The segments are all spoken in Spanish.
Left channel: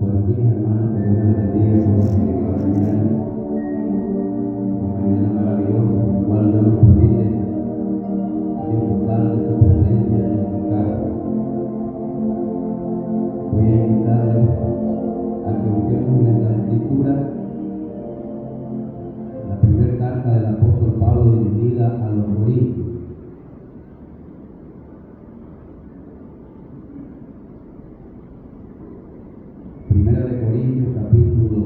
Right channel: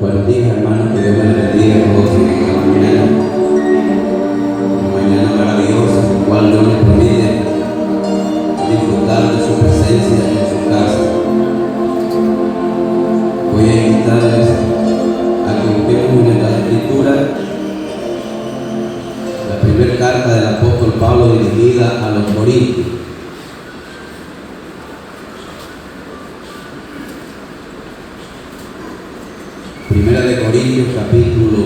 Buenos días, hermanos, que Dios me les bendiga a todos en esta mañana. Una mañana maravillosa, en la cual Dios nos permite disfrutar de su presencia en su casa. Voy a invitarles a que busquemos en la Escritura la primera carta del apóstol Pablo dirigida a los Corintios. Primera de Corintios, capítulo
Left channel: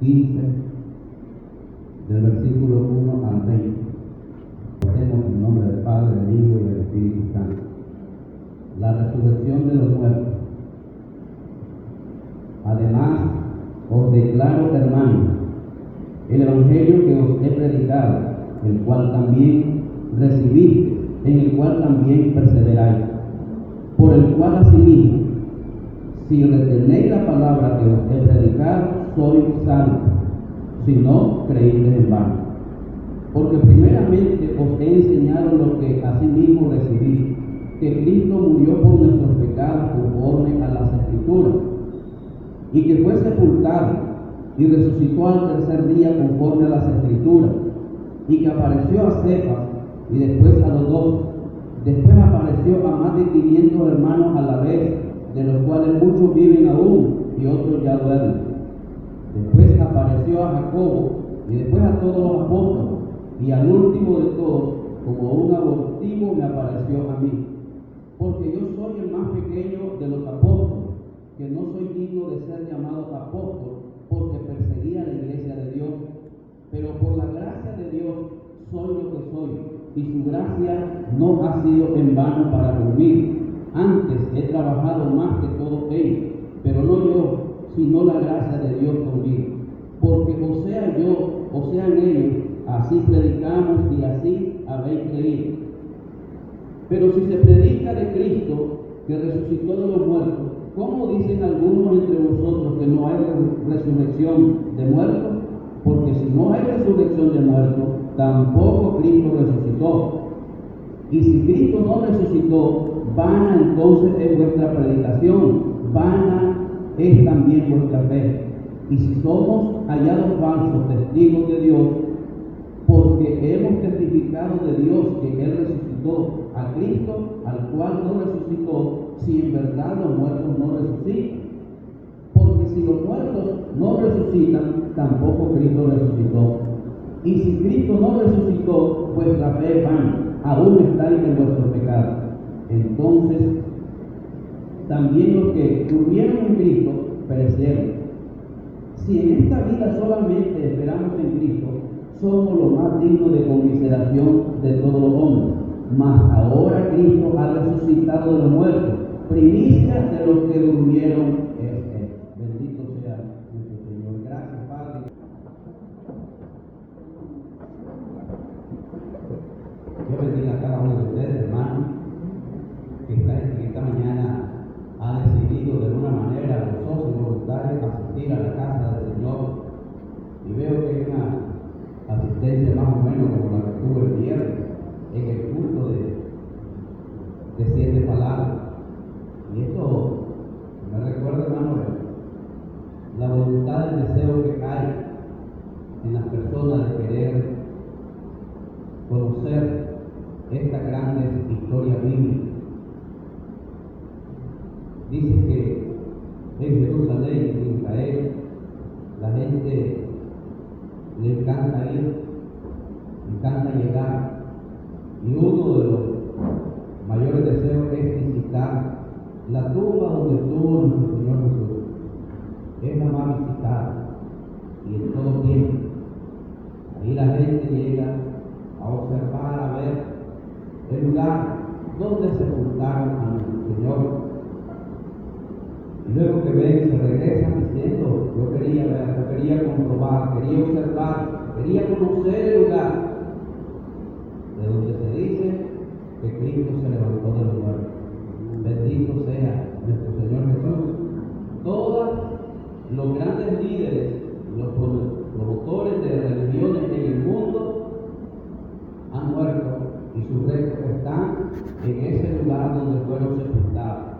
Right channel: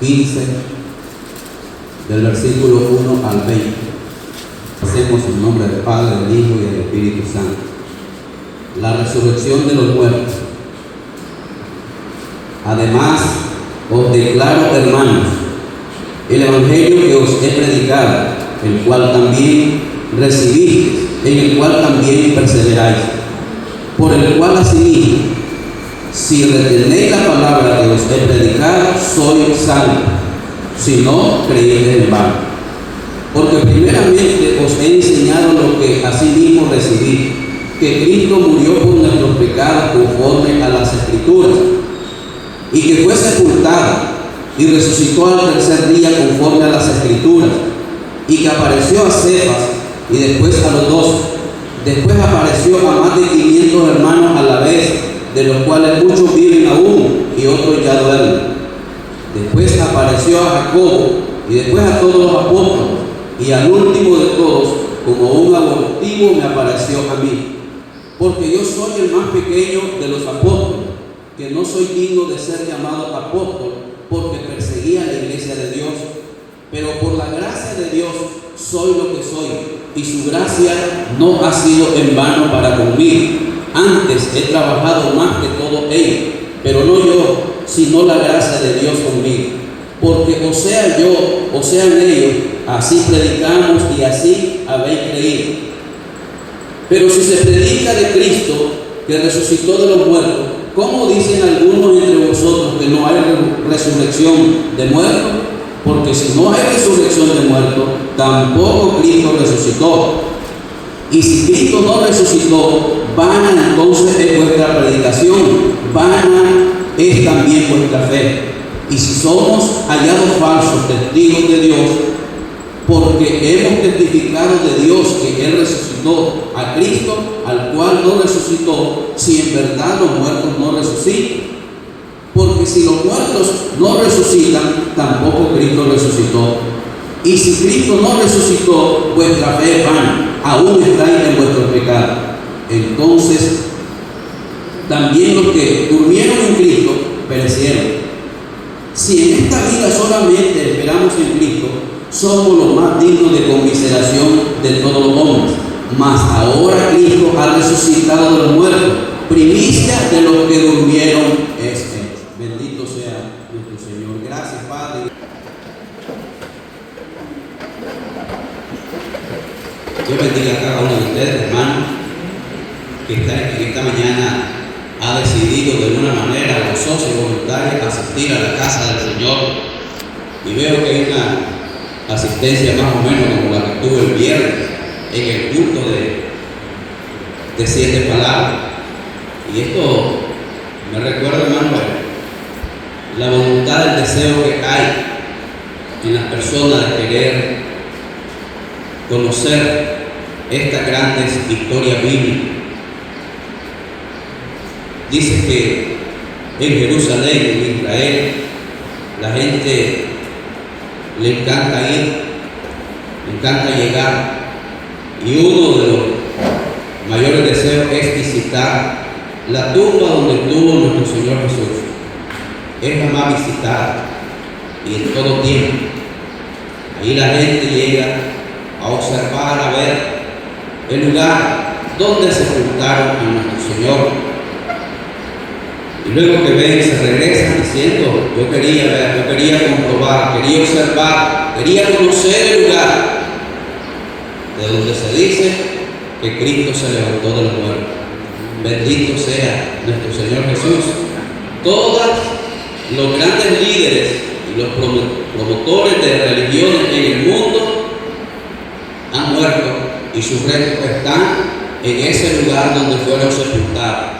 15, del versículo 1 al 20. Hacemos en nombre del Padre, del Hijo y del Espíritu Santo. La resurrección de los muertos. Además, os declaro, hermanos, el evangelio que os he predicado, el cual también recibisteis, en el cual también perseveráis, por el cual asimismo, si retenéis la palabra que os he predicado, sois salvos, si no, creéis en vano. Porque primeramente os he enseñado lo que asimismo recibí, que Cristo murió por nuestros pecados conforme a las Escrituras, y que fue sepultado y resucitó al tercer día conforme a las Escrituras, y que apareció a Cefas y después a los 12. Después apareció a más de 500 hermanos a la vez, de los cuales muchos viven aún y otros ya duermen. Después apareció a Jacobo y después a todos los apóstoles, y al último de todos, como un abortivo, me apareció a mí. Porque yo soy el más pequeño de los apóstoles, que no soy digno de ser llamado apóstol, porque perseguía la iglesia de Dios. Pero por la gracia de Dios soy lo que soy, y su gracia no ha sido en vano para conmigo. Antes he trabajado más que todo ellos, pero no yo, sino la gracia de Dios conmigo. Porque o sea yo, o sean ellos, así predicamos y así habéis creído. Pero si se predica de Cristo, que resucitó de los muertos, ¿cómo dicen algunos entre vosotros que no hay resurrección de muertos? Porque si no hay resurrección de muertos, tampoco Cristo resucitó. Y si Cristo no resucitó, vana entonces es vuestra predicación, vana es también vuestra fe. Y si somos hallados falsos testigos de Dios, porque hemos testificado de Dios que Él resucitó a Cristo, al cual no resucitó, si en verdad los muertos no resucitan. Porque si los muertos no resucitan, tampoco Cristo resucitó. Y si Cristo no resucitó, vuestra fe es vana, aún estáis en vuestros pecados. Entonces, también los que durmieron en Cristo perecieron. Si en esta vida solamente esperamos en Cristo, somos los más dignos de conmiseración de todos los hombres. Mas ahora Cristo ha resucitado de los muertos, primicia de los que durmieron es Él. Bendito sea nuestro Señor. Gracias, Padre. Dios bendiga a cada uno de ustedes, hermanos, que en esta mañana ha decidido de una manera gozosa y voluntaria asistir a la casa del Señor. Y veo que hay una asistencia más o menos como la que tuve el viernes en el culto de 7 palabras. Y esto me recuerda, hermano, la voluntad, el deseo que hay en las personas de querer conocer estas grandes historias bíblicas. Dice que en Jerusalén, en Israel, la gente le encanta ir, le encanta llegar, y uno de los mayores deseos es visitar la tumba donde estuvo nuestro Señor Jesús. Es la más visitada y en todo tiempo. Ahí la gente llega a observar, a ver el lugar donde sepultaron a nuestro Señor. Y luego que ven, se regresan diciendo: yo quería ver, yo quería comprobar, quería observar, quería conocer el lugar de donde se dice que Cristo se levantó de los muertos. Bendito sea nuestro Señor Jesús. Todos los grandes líderes y los promotores de religiones en el mundo han muerto y sus restos están en ese lugar donde fueron sepultados.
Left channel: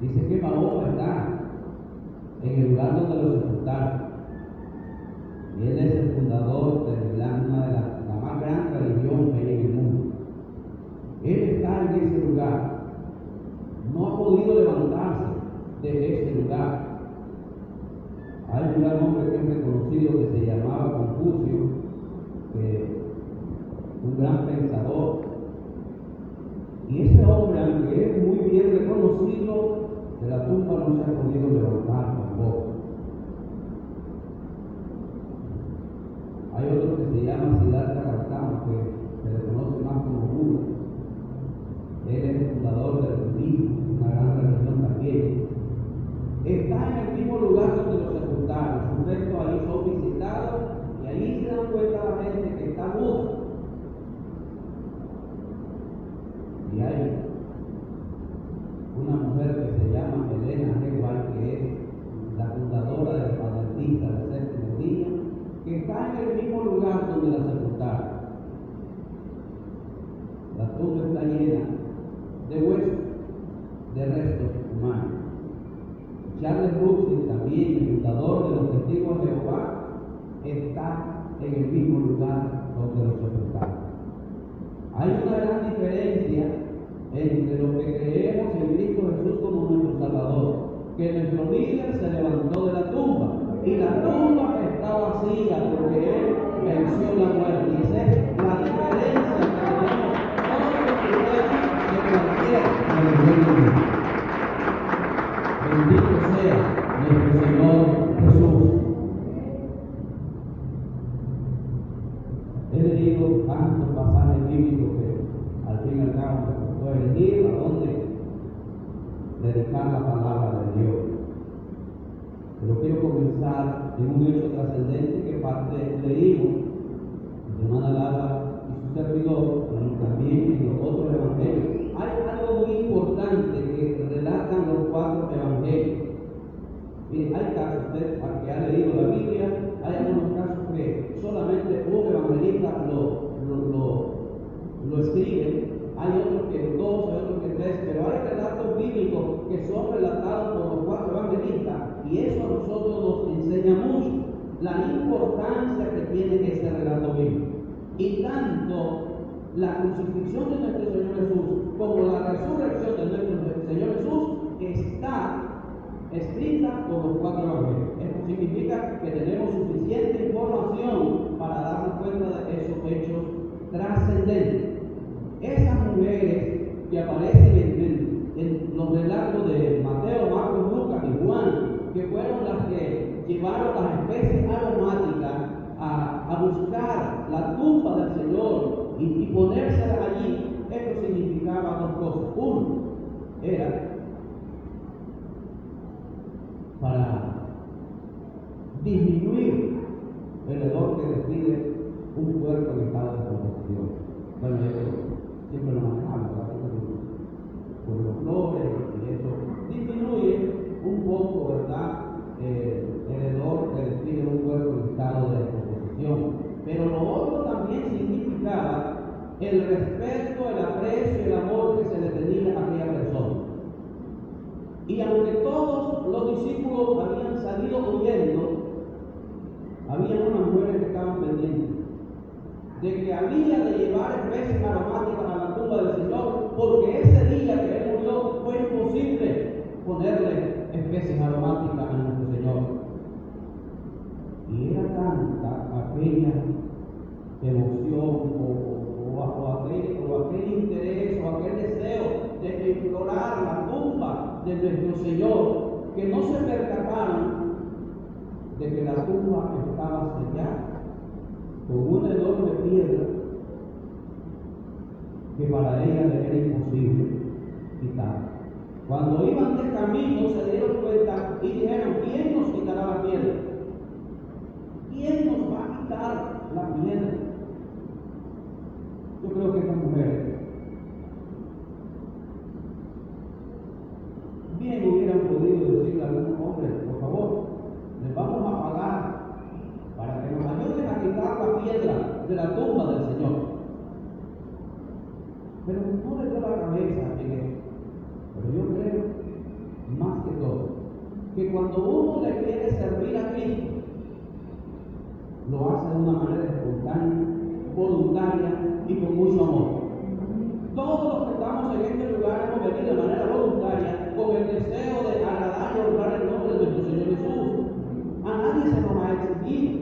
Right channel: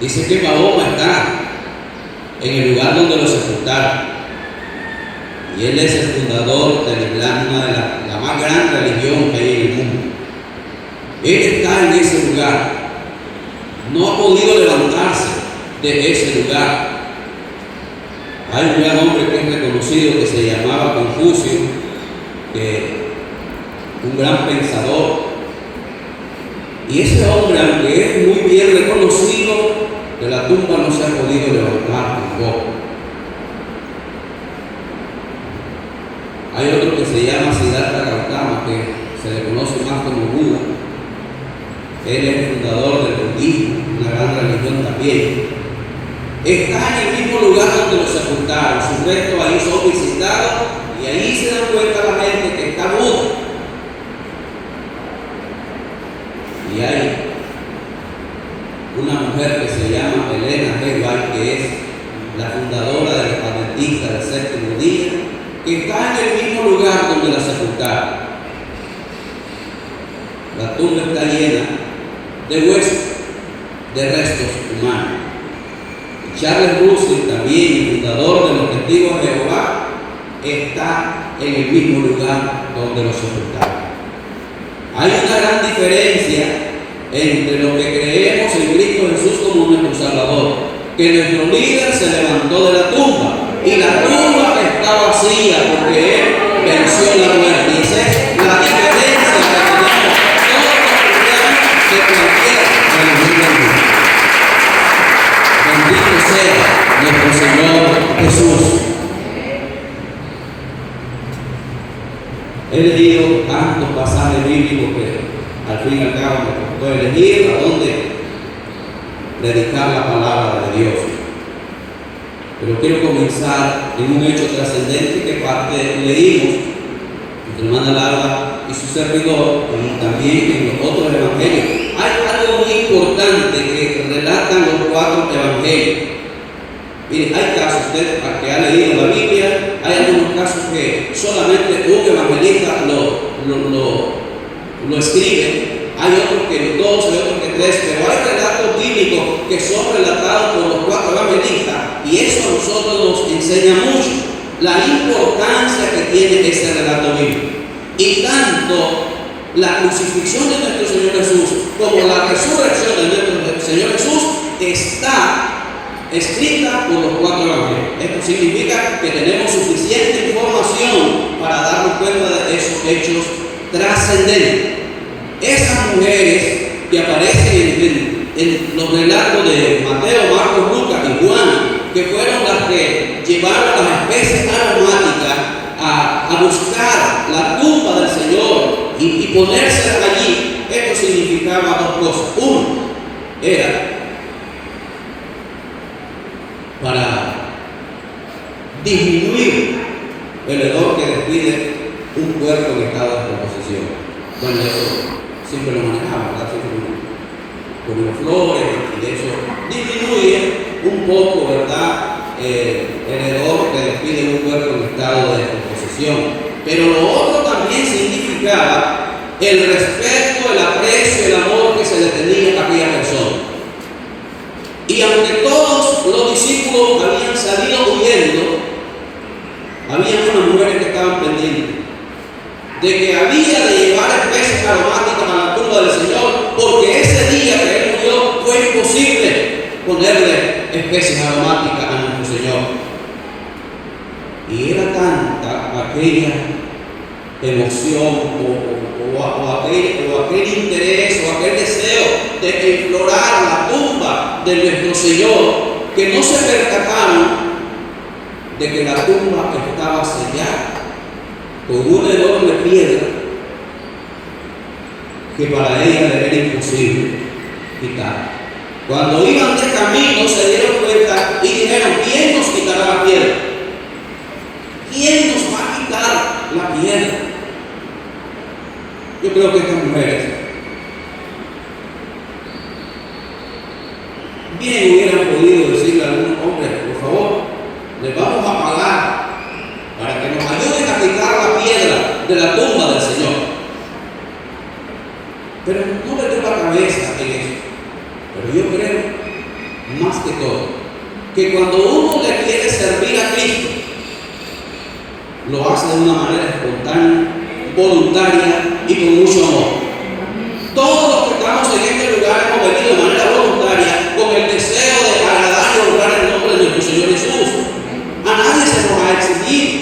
Dice que Mahoma está en el lugar donde lo sepultaron. Y él es el fundador del Islam, una de la más gran religión que hay en el mundo. Él está en ese lugar. No ha podido levantarse de ese lugar. Hay un gran hombre que es reconocido que se llamaba Confucio, un gran pensador. Y ese hombre, aunque es muy bien reconocido, de la tumba no se ha podido levantar tampoco. Hay otro que se llama Siddhartha Gautama, que se le conoce más como Buda. Él es el fundador del budismo, una gran religión también. Está en el mismo lugar donde lo sepultaron. Sus restos ahí son visitados y ahí se dan cuenta la gente que está Buda. Y hay una mujer que se llama Elena G. White, que es la fundadora de los adventistas del séptimo día, que está en el mismo lugar donde la sepultaron. La tumba está llena de huesos, de restos humanos. Y Charles Russell, también fundador de los Testigos de Jehová, está en el mismo lugar donde lo sepultaron. Hay una gran diferencia entre lo que creemos en Cristo Jesús como nuestro Salvador, que nuestro líder se levantó de la tumba y la tumba está vacía porque Él venció la muerte. Y esa es la diferencia que tenemos todos los cristianos de cualquier religión del mundo. Bendito sea nuestro Señor Jesús. He leído tantos pasajes bíblicos que al fin y al cabo me costó elegir a dónde predicar la palabra de Dios. Pero quiero comenzar en un hecho trascendente que parte leímos entre hermana Laura y su servidor, y también en los otros evangelios. Hay algo muy importante que relatan los 4 evangelios. Miren, hay casos, usted que ha leído la Biblia, hay algunos casos que solamente un evangelista lo escribe. Hay otros que 2, hay otros que 3, pero hay relatos bíblicos que son relatados por los 4 evangelistas, y eso a nosotros nos enseña mucho la importancia que tiene este relato bíblico. Y tanto la crucifixión de nuestro Señor Jesús como la resurrección de nuestro Señor Jesús está escrita por los 4 evangelios. Esto significa que tenemos suficiente información para darnos cuenta de esos hechos trascendentes. Esas mujeres que aparecen en los relatos de Mateo, Marcos, Lucas y Juan, que fueron las que llevaron las especies aromáticas a buscar la tumba del Señor y ponérselas allí, esto significaba 2 cosas. Uno, era para disminuir el hedor que despide un cuerpo en estado de descomposición. Bueno, eso siempre lo manejamos, ¿verdad? Siempre con los flores, y de eso disminuye un poco, ¿verdad? El hedor que despide un cuerpo en estado de descomposición. Pero lo otro también significaba el respeto, el aprecio, el amor que se le tenía a aquella persona. Y aunque todos los discípulos habían salido huyendo, había unas mujeres que estaban pendientes de que había de llevar especies aromáticas a la tumba del Señor, porque ese día que Él murió fue imposible ponerle especies aromáticas a nuestro Señor. Y era tanta aquella emoción o aquel interés o aquel deseo de explorar la tumba de nuestro Señor, que no se percataron de que la tumba estaba sellada con un enorme piedra que para ella era imposible quitar. Cuando iban de camino se dieron cuenta y dijeron: ¿quién nos quitará la piedra? ¿Quién nos va a quitar la piedra? Yo creo que estas mujeres bien hubieran podido decirle a algún hombre: por favor, les vamos a pagar para que nos ayuden a quitar la piedra de la tumba del Señor. Pero no le dio la cabeza en eso. Pero yo creo, escritor que cuando uno le quiere servir a Cristo, lo hace de una manera espontánea, voluntaria y con mucho amor. Todos los que estamos en este lugar hemos venido de manera voluntaria con el deseo de agradar y honrar el nombre de nuestro Señor Jesús. A nadie se nos ha exigido.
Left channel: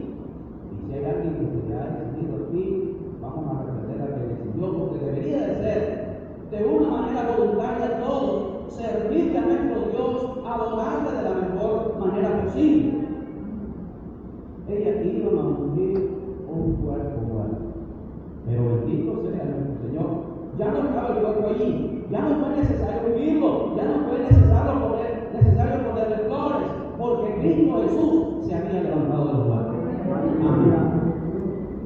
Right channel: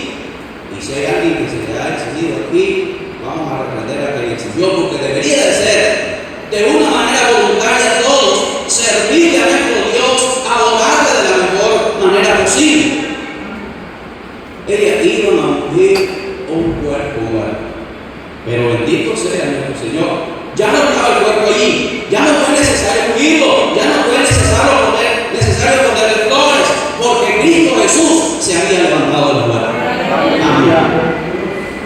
Y si hay alguien que se le ha exigido aquí, vamos a reprender a que le exigió, porque debería de ser de una manera voluntaria a todos, servirle a nuestro Dios, adorarle de la mejor manera posible. Ella iba a ungir un cuerpo humano, pero bendito sea nuestro Señor. Ya no estaba el cuerpo allí, ya no fue necesario ungirlo, ya no fue necesario ponerle flores, porque Cristo Jesús se había levantado de los muertos.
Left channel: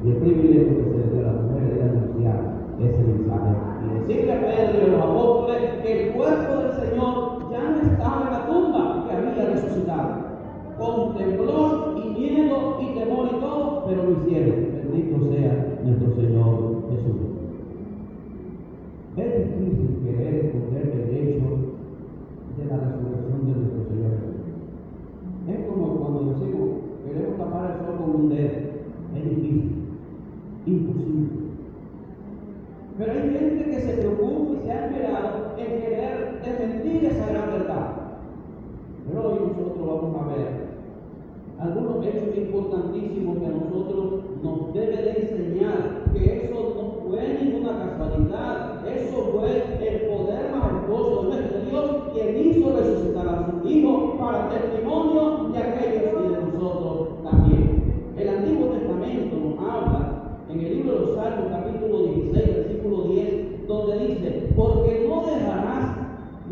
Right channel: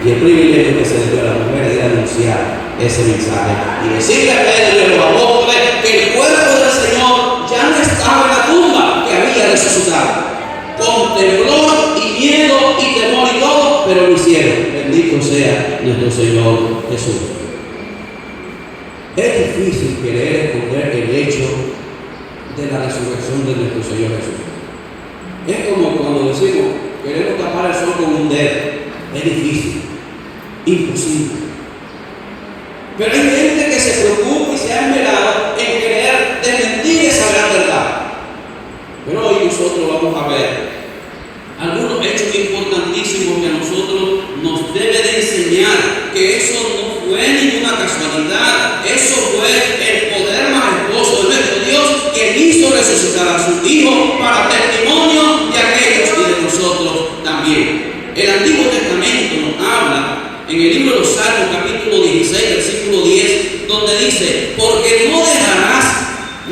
Y el privilegio que se le dio a la mujer era anunciar ese mensaje y decirle a Pedro y a los apóstoles que el cuerpo del Señor ya no estaba en la tumba, que había resucitado. Con temblor y miedo y temor y todo, pero lo hicieron. Bendito sea nuestro Señor Jesús. Es difícil querer esconder el hecho de la resurrección de nuestro Señor Jesús. Es como cuando decimos, queremos tapar el sol con un dedo. Es difícil, imposible. Pero hay gente que se preocupa y se ha esmerado en querer desmentir esa gran verdad. Pero hoy nosotros vamos a ver algunos hechos importantísimos que a nosotros nos debe de enseñar que eso no fue ninguna casualidad, eso fue el poder majestuoso de nuestro Dios que hizo resucitar a su Hijo para testimonio de aquellos y de nosotros también. El Antiguo Testamento nos habla en el libro de los Salmos, capítulo 16, versículo 10, donde dice: porque no dejarás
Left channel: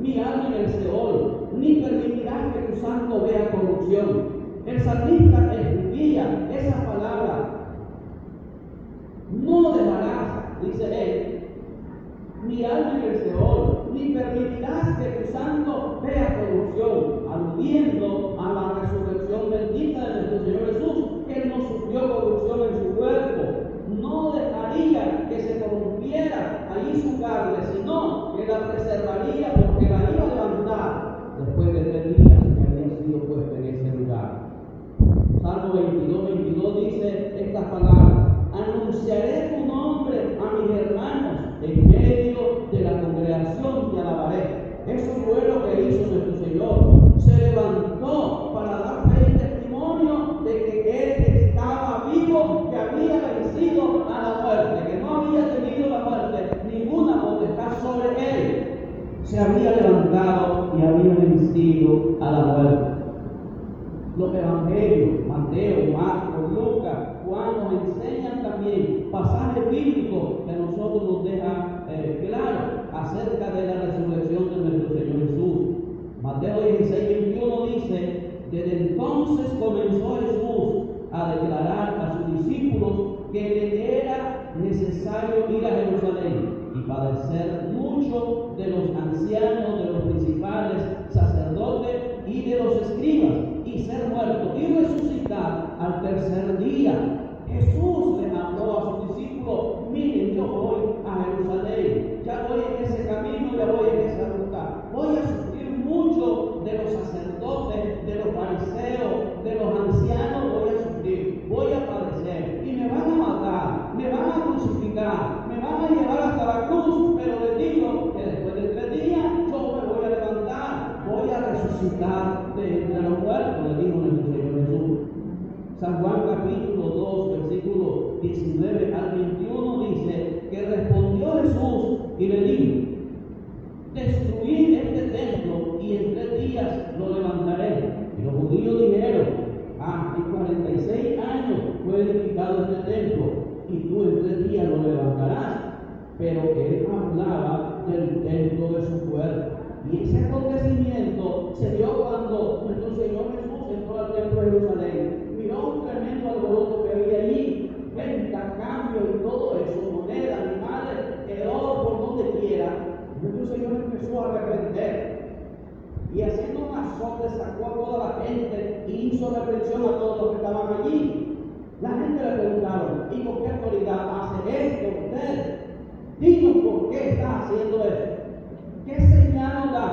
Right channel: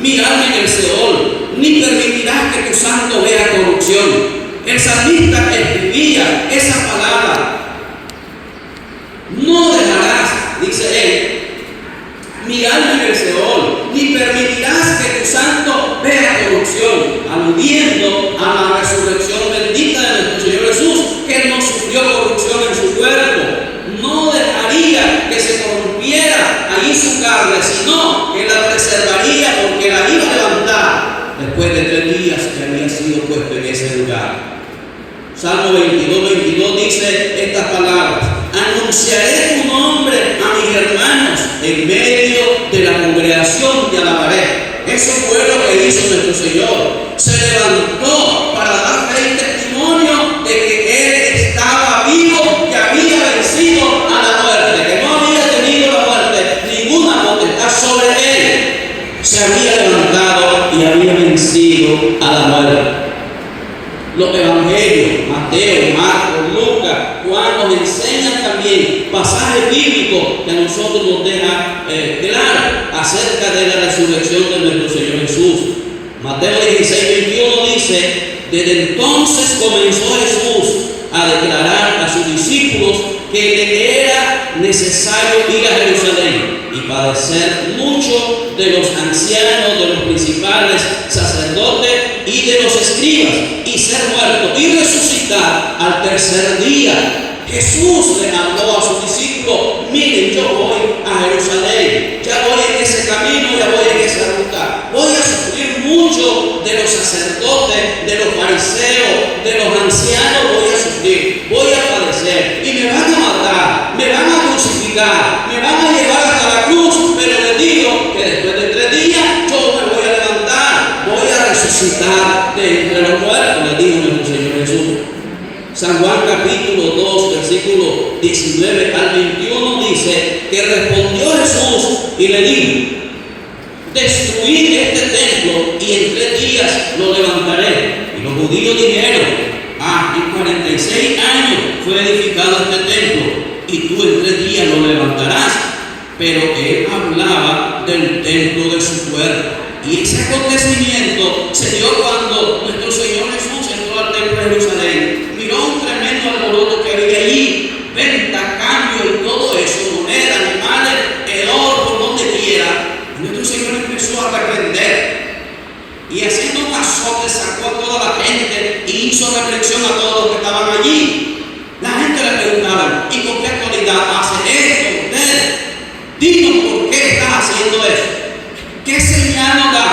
mi alma en el Seol, ni permitirás que tu santo vea corrupción. El salmista escribía esa palabra: no dejarás, dice él, mi alma en el Seol, ni permitirás que tu santo vea corrupción, aludiendo a la resurrección bendita de nuestro Señor Jesús, que no sufrió corrupción en su cuerpo. No dejaría que se corrompiera allí su carne, sino que la preservaría, porque la iba a levantar después de 3 días que había sido puesto en ese lugar. Salmo 22 dice estas palabras: anunciaré tu nombre a mis hermanos, en medio de la congregación te alabaré. Eso fue lo que hizo nuestro Señor. Se levantó para dar fe y testimonio de que Él estaba vivo, que había vencido a la muerte, que no había tenido la muerte ninguna potestad sobre Él. Se había levantado y había vencido a la muerte. Los evangelios, Mateo, Marcos, Lucas, Juan, nos enseñan también pasajes bíblicos que a nosotros nos dejan claro acerca de la resurrección de nuestro Señor Jesús. Mateo 16:21 dice: desde entonces comenzó Jesús a declarar a sus discípulos que le era necesario ir a Jerusalén y padecer mucho de los ancianos, de los principales sacerdotes y de los escribas, y ser muerto y resucitar al tercer día. Jesús le habló a sus discípulos: miren, yo voy a Jerusalén, ya voy en ese camino, ya voy en esa ruta, voy a sufrir mucho de los sacerdotes, de los fariseos, de los ancianos, voy a sufrir, voy a padecer, y me van a matar, me van a crucificar, me van a llevar hasta la cruz, pero les digo que después de 3 días yo me voy a levantar, voy a resucitar de entre los muertos, les dijo nuestro Señor Jesús. San Juan capítulo 2, versículo 19 al 21 dice que respondió Jesús y le dijo: destruid este templo y en 3 días lo levantaré. Y los judíos dijeron: en 46 años fue edificado este templo y tú en 3 días lo levantarás. Pero él hablaba del templo de su cuerpo. Y ese acontecimiento se dio cuando nuestro Señor Jesús entró al templo de Jerusalén. Miró un tremendo alboroto que había allí, venta, cambio y todo eso, monedas, animales, el oro por donde quiera. Y nuestro Señor empezó a reprender. Y haciendo un azote sacó a toda la gente y hizo reflexión a todos los que estaban allí. La gente le preguntaba: ¿y con qué autoridad hace esto usted? Dinos por qué estás haciendo eso. ¿Qué señal nos da?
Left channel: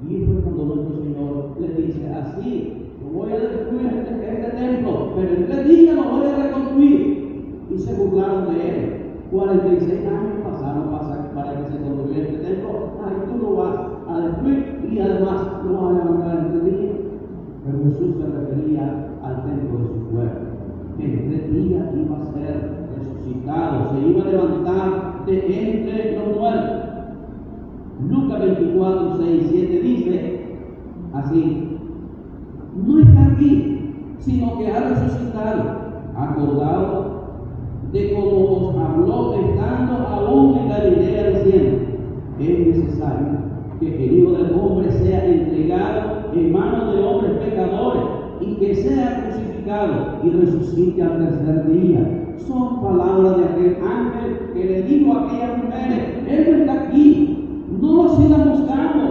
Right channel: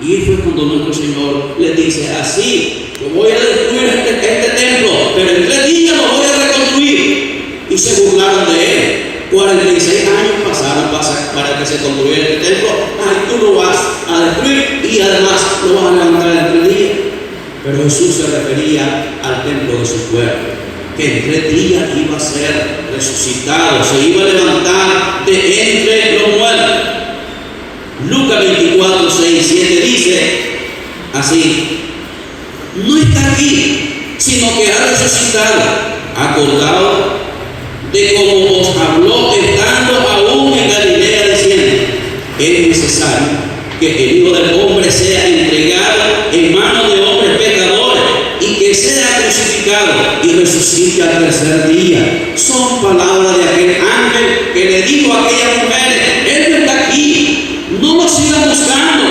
Y Aquí fue cuando nuestro Señor le dice: así, yo voy a destruir este templo, pero en 3 días lo voy a reconstruir. Y se burlaron de él. 46 años pasaron para que se construyera este templo. Ay, tú lo vas a destruir y además lo vas a levantar en 3 días. Pero Jesús se refería al templo de su cuerpo, que en 3 días iba a ser resucitado, se iba a levantar de entre los muertos. Lucas 24, 6 y 7 dice así: no está aquí, sino que ha resucitado, acordado de como os habló estando aún en Galilea, diciendo: es necesario que el Hijo del Hombre sea entregado en manos de hombres pecadores y que sea crucificado y resucite al 3er día. Son palabras de aquel ángel que le dijo a aquellas mujeres: Él no está aquí, no lo sigan buscando.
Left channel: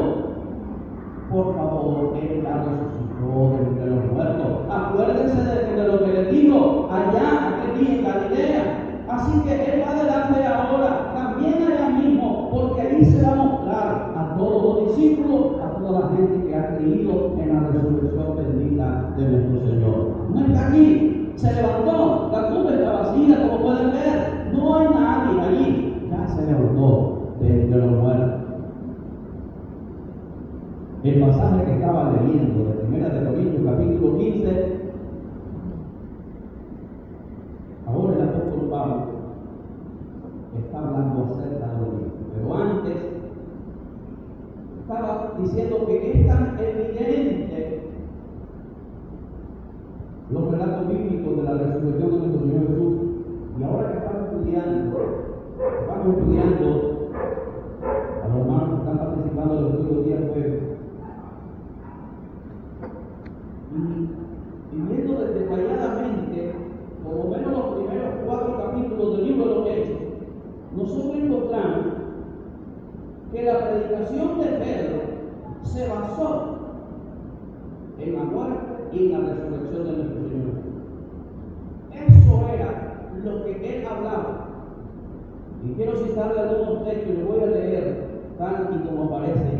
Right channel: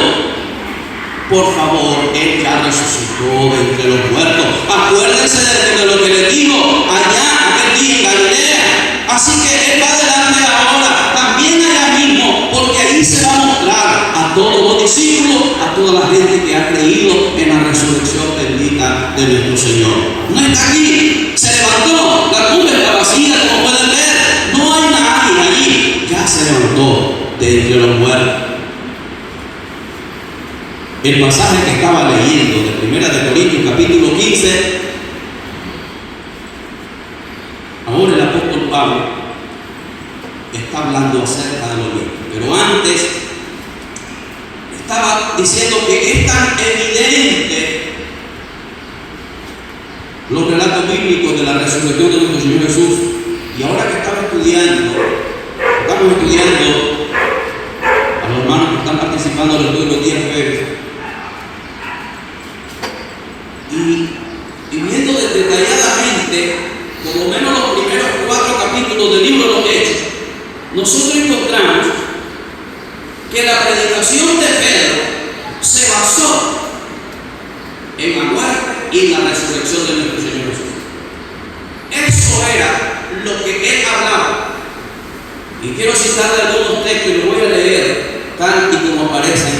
Por favor, Él ya resucitó de entre los muertos. Acuérdense de lo que le dijo allá aquel día en Galilea. Así que Él va adelante ahora, también allá mismo, porque ahí se va a mostrar a todos los discípulos, a toda la gente que ha creído en la resurrección bendita de nuestro Señor. No está aquí, se levantó, la tumba está vacía, como pueden ver, no hay nadie allí, ya se levantó de entre los muertos. El pasaje que estaba leyendo de 1 Corintios capítulo 15, ahora el apóstol Pablo está hablando acerca de lo mismo, pero antes estaba diciendo que es tan evidente los relatos bíblicos de la resurrección de nuestro Señor Jesús, y ahora que estamos estudiando a los hermanos que están participando en el estudio de los 10 jueves, y viendo detalladamente por lo menos los primeros 4 capítulos del libro de los Hechos, nosotros encontramos que la predicación de Pedro se basó en la muerte y en la resurrección de nuestro Señor Jesús. Eso era lo que él hablaba. Y quiero citarle algunos textos y lo voy a leer tal y como aparecen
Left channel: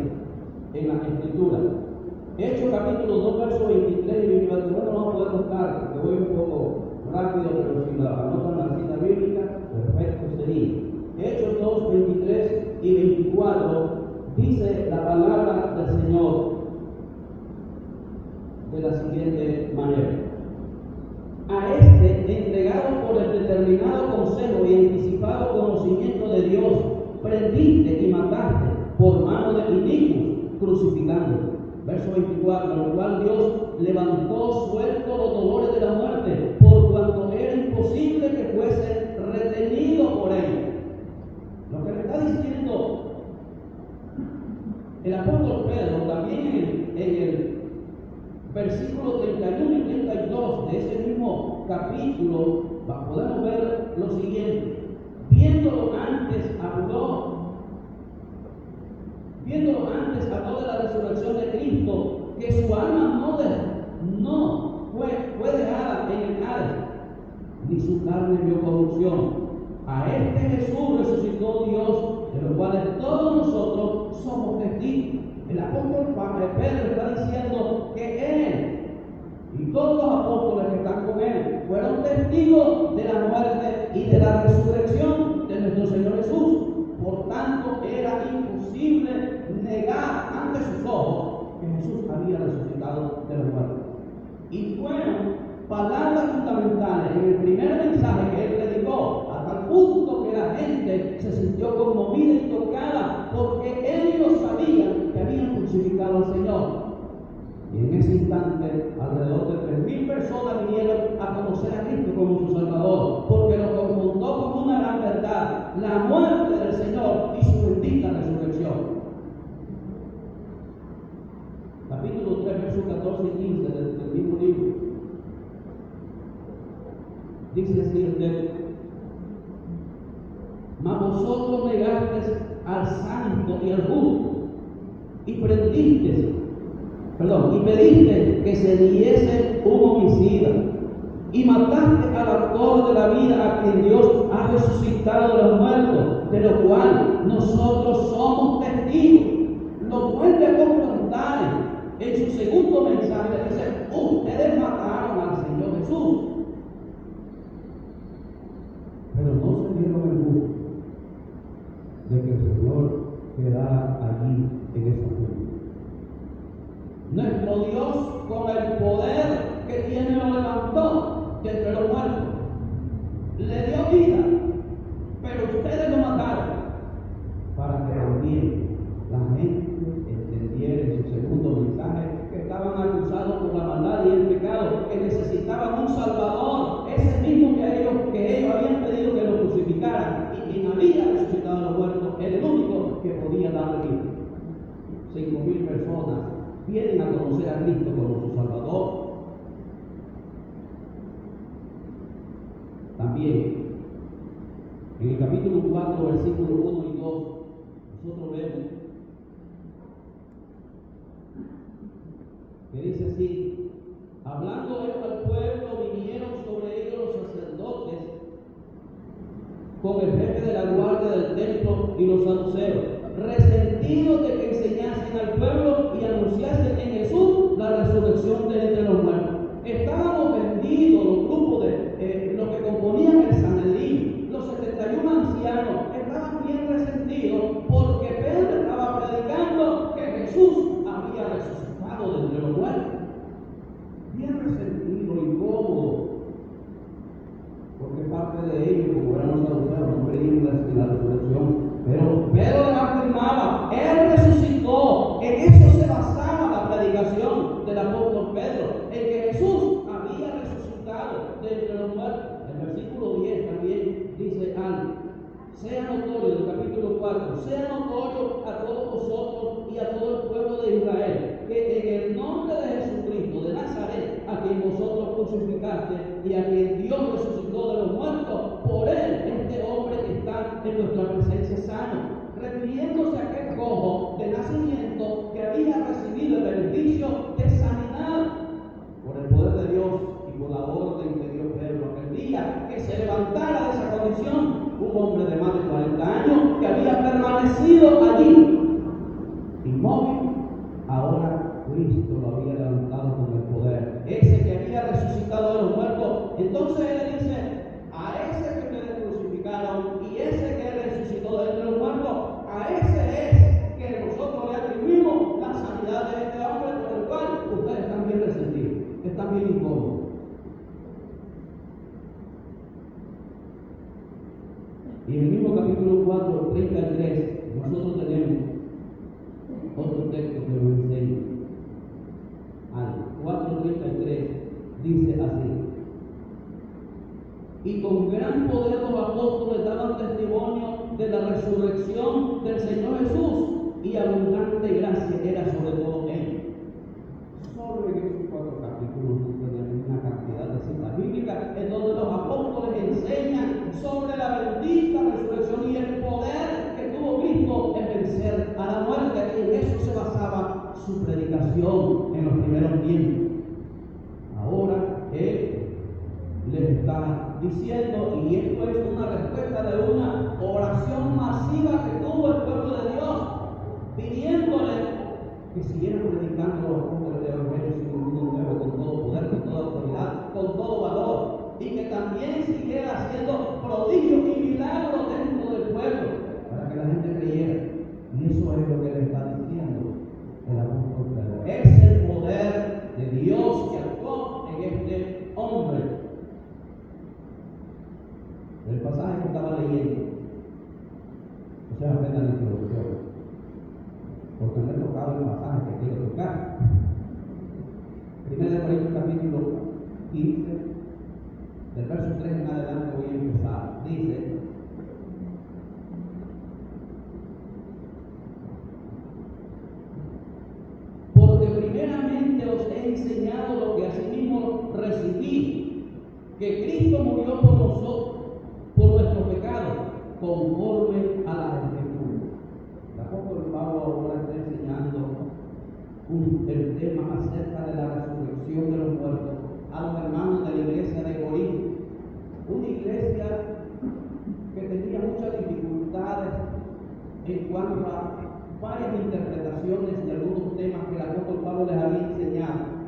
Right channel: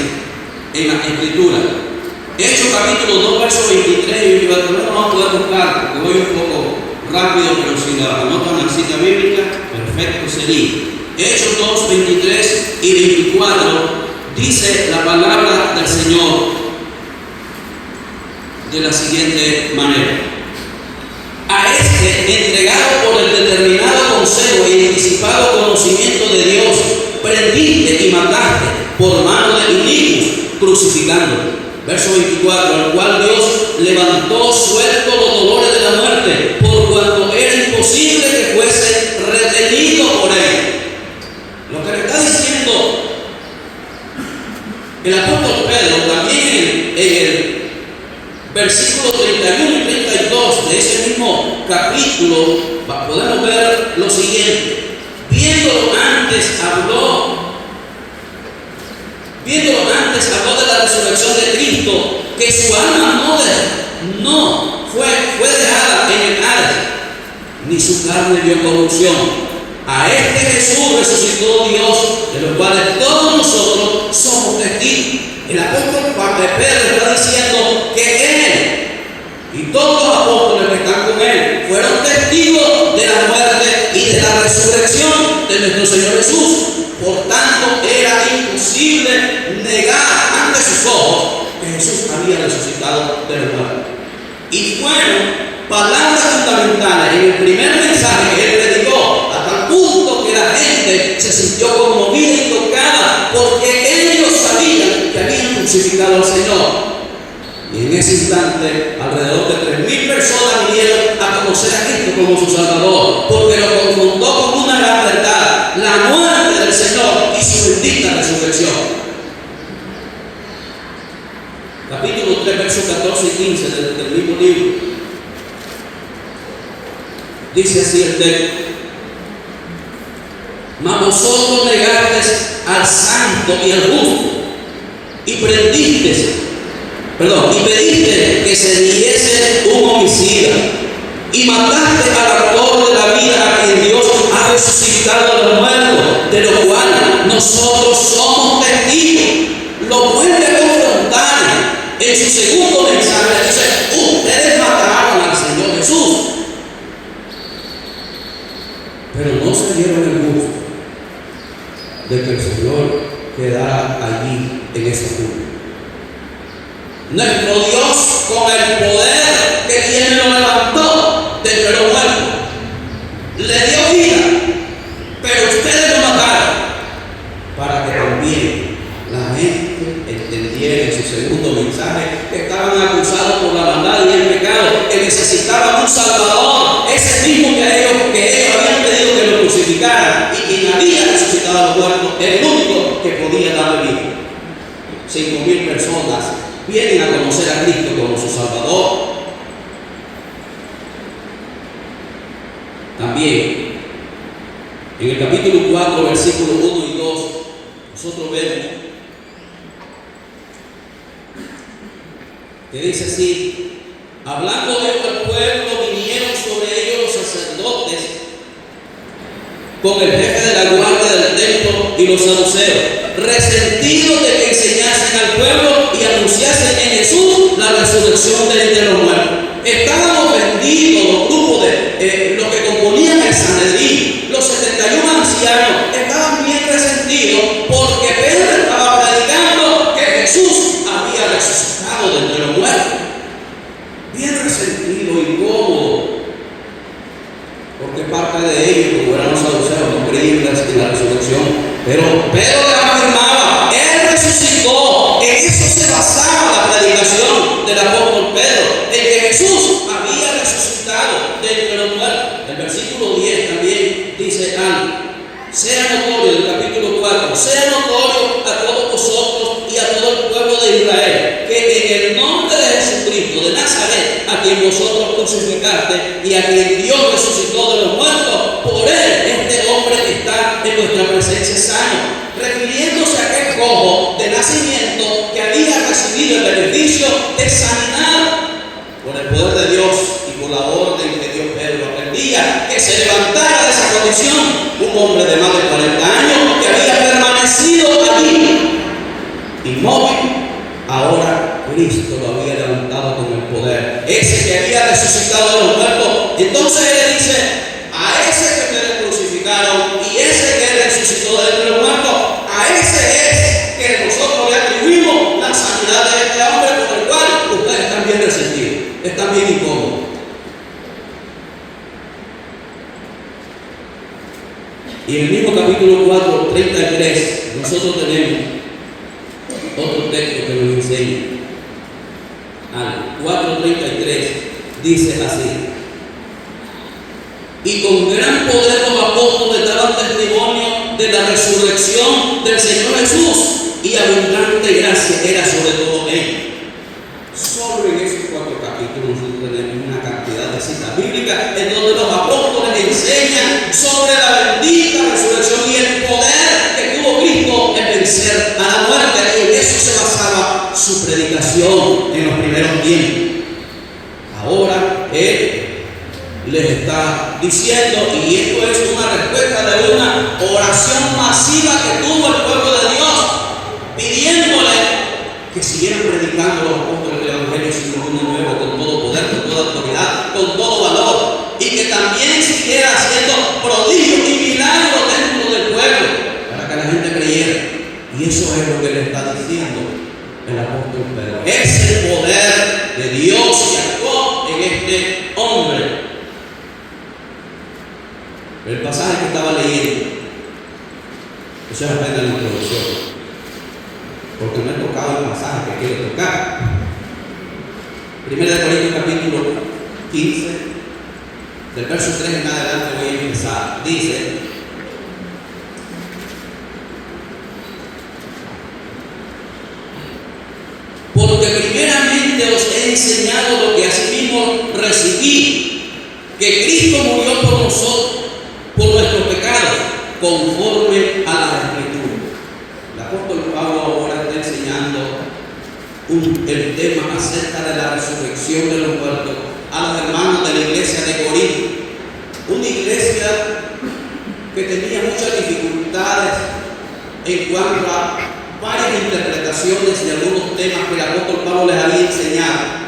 en la Escritura. Hechos capítulo 2, verso 23, y no vamos a poder buscar porque voy un poco rápido, pero si la anotan en la cita bíblica, perfecto sería. Hechos 2, 23 y 24 dice la palabra del Señor de la siguiente manera: a este, entregado por el determinado consejo y anticipado conocimiento de Dios, prendiste y mataste por mano de inicuos, crucificándolo. Verso 24: al cual Dios levantó suelto los dolores de la muerte, por cuanto era imposible que fuese retenido por él. Lo que le está diciendo el apóstol Pedro también en el versículo 31 y 32 de ese mismo capítulo, podemos ver lo siguiente: viéndolo antes habló de la resurrección de Cristo, que su alma no fue dejada en el Hades, ni su carne vio corrupción. A este Jesús resucitó Dios, de los cuales todos nosotros somos testigos. El apóstol Pedro está diciendo que él y todos los apóstoles que están con él fueron testigos de la muerte y de la resurrección de nuestro Señor Jesús. Por tanto, era imposible negar ante sus ojos que Jesús había resucitado de los muertos. Y fueron palabras fundamentales en el primer mensaje que él predicó, hasta el punto que la gente se sintió conmovida y tocada, porque ellos sabían que habían crucificado al Señor. Y en ese instante, alrededor de 3,000 personas vinieron a conocer a Cristo como su Salvador, porque lo confrontó con una gran verdad: la muerte del Señor y su bendita resurrección. Capítulo 3, versos 14 y 15 del mismo libro. Dice así el texto: mas vosotros negasteis al santo y al justo, y pediste que se diese un homicida, y mataste al autor de la vida, a quien Dios ha resucitado de los muertos, de lo cual nosotros somos testigos. Lo vuelve a confrontar su segundo mensaje dice: ustedes mataron al Señor Jesús, pero no se dieron el gusto de que el Señor quedara allí en esa tumba. Nuestro Dios, con el poder que tiene, lo levantó de entre los muertos, le dio vida, pero ustedes lo mataron, para que también la gente entendiera en su segundo mensaje que estaban acusados por la maldad y el pecado, que necesitaban un Salvador, ese mismo que ellos habían pedido que lo crucificaran, y quien había resucitado a los muertos, el único que podía darle vida. 5,000 personas vienen a conocer a Cristo como su Salvador. También, en el capítulo 4, versículos 1 y 2, nosotros vemos que dice así: hablando de el pueblo, vinieron sobre ellos los sacerdotes con el jefe de la guardia del templo y los saduceos, resentidos de que enseñasen al pueblo y anunciasen en Jesús la resurrección de entre los muertos. Estaban ofendidos los grupos de los que componían el Sanedrín, los 71 ancianos, estaban bien resentidos porque Pedro estaba predicando que Jesús había resucitado de entre los muertos. Bien resentido, incómodo, porque parte de ellos, como eran los saduceos, no creían en la resurrección. Pero Pedro les afirmaba: Él resucitó. En eso se basaba la predicación del apóstol Pedro, en que Jesús había resucitado de entre los muertos. El versículo 10 también dice algo: sea notorio, del capítulo 4, sea notorio a todos vosotros y a todo el pueblo de Israel, que en el nombre de Jesucristo de Nazaret, a quien vosotros crucificaste y a quien Dios resucitó de los muertos, por él este hombre que está en vuestra presencia es sano. Refiriéndose a aquel cojo de nacimiento que había recibido el beneficio de sanidad por el poder de Dios y por la orden que dio Pedro aquel día, que se levantara de esa condición un hombre de más de 40 años que había permanecido allí inmóvil. Ahora Cristo lo había levantado con el poder, ese que había resucitado de los muertos. Entonces él dice: a ese que ustedes crucificaron y ese que resucitó de entre los muertos, a ese es que nosotros le atribuimos la sanidad de este hombre, por el cual ustedes están bien resentidos, están bien incómodos. Y en el mismo capítulo 4, 33, nosotros tenemos otro texto que nos enseña algo. 4:33 dice así: y con gran poder los apóstoles daban testimonio de la resurrección del Señor Jesús, y abundante gracia era sobre todo ellos. Solo en esos 4 capítulos nosotros tenemos una cantidad de citas bíblicas en donde los apóstoles enseñan sobre la bendita resurrección y el poder que tuvo Cristo en vencer a la muerte. Y en eso se basaba su predicación en los primeros tiempos. Ahora Él les está diciendo, y esto es una respuesta de una oración masiva que tuvo el pueblo de Dios, pidiéndole que siguieran predicando los apóstoles del Evangelio sin ningún nuevo, con todo poder, con toda autoridad, con todo valor, y que también siguiera haciendo prodigios y milagros dentro del pueblo para que la gente creyera. Y eso es lo que le está diciendo el apóstol Pedro. Es el poder de Dios que actuó en este hombre. El pasaje que estaba leyendo, eso es apenas la introducción, porque no he tocado el pasaje que quiero tocar. 1 Corintios capítulo 15, del verso 3 en adelante voy a empezar. Dice: porque primeramente os he enseñado lo que asimismo recibí, que Cristo murió por nosotros, por nuestros pecados, conforme a la Escritura. El apóstol Pablo ahora está enseñando el tema acerca de la resurrección de los muertos a los hermanos de la iglesia de Corinto, una iglesia que tenía muchas dificultades en cuanto a varias interpretaciones de algunos temas que el apóstol Pablo les había enseñado.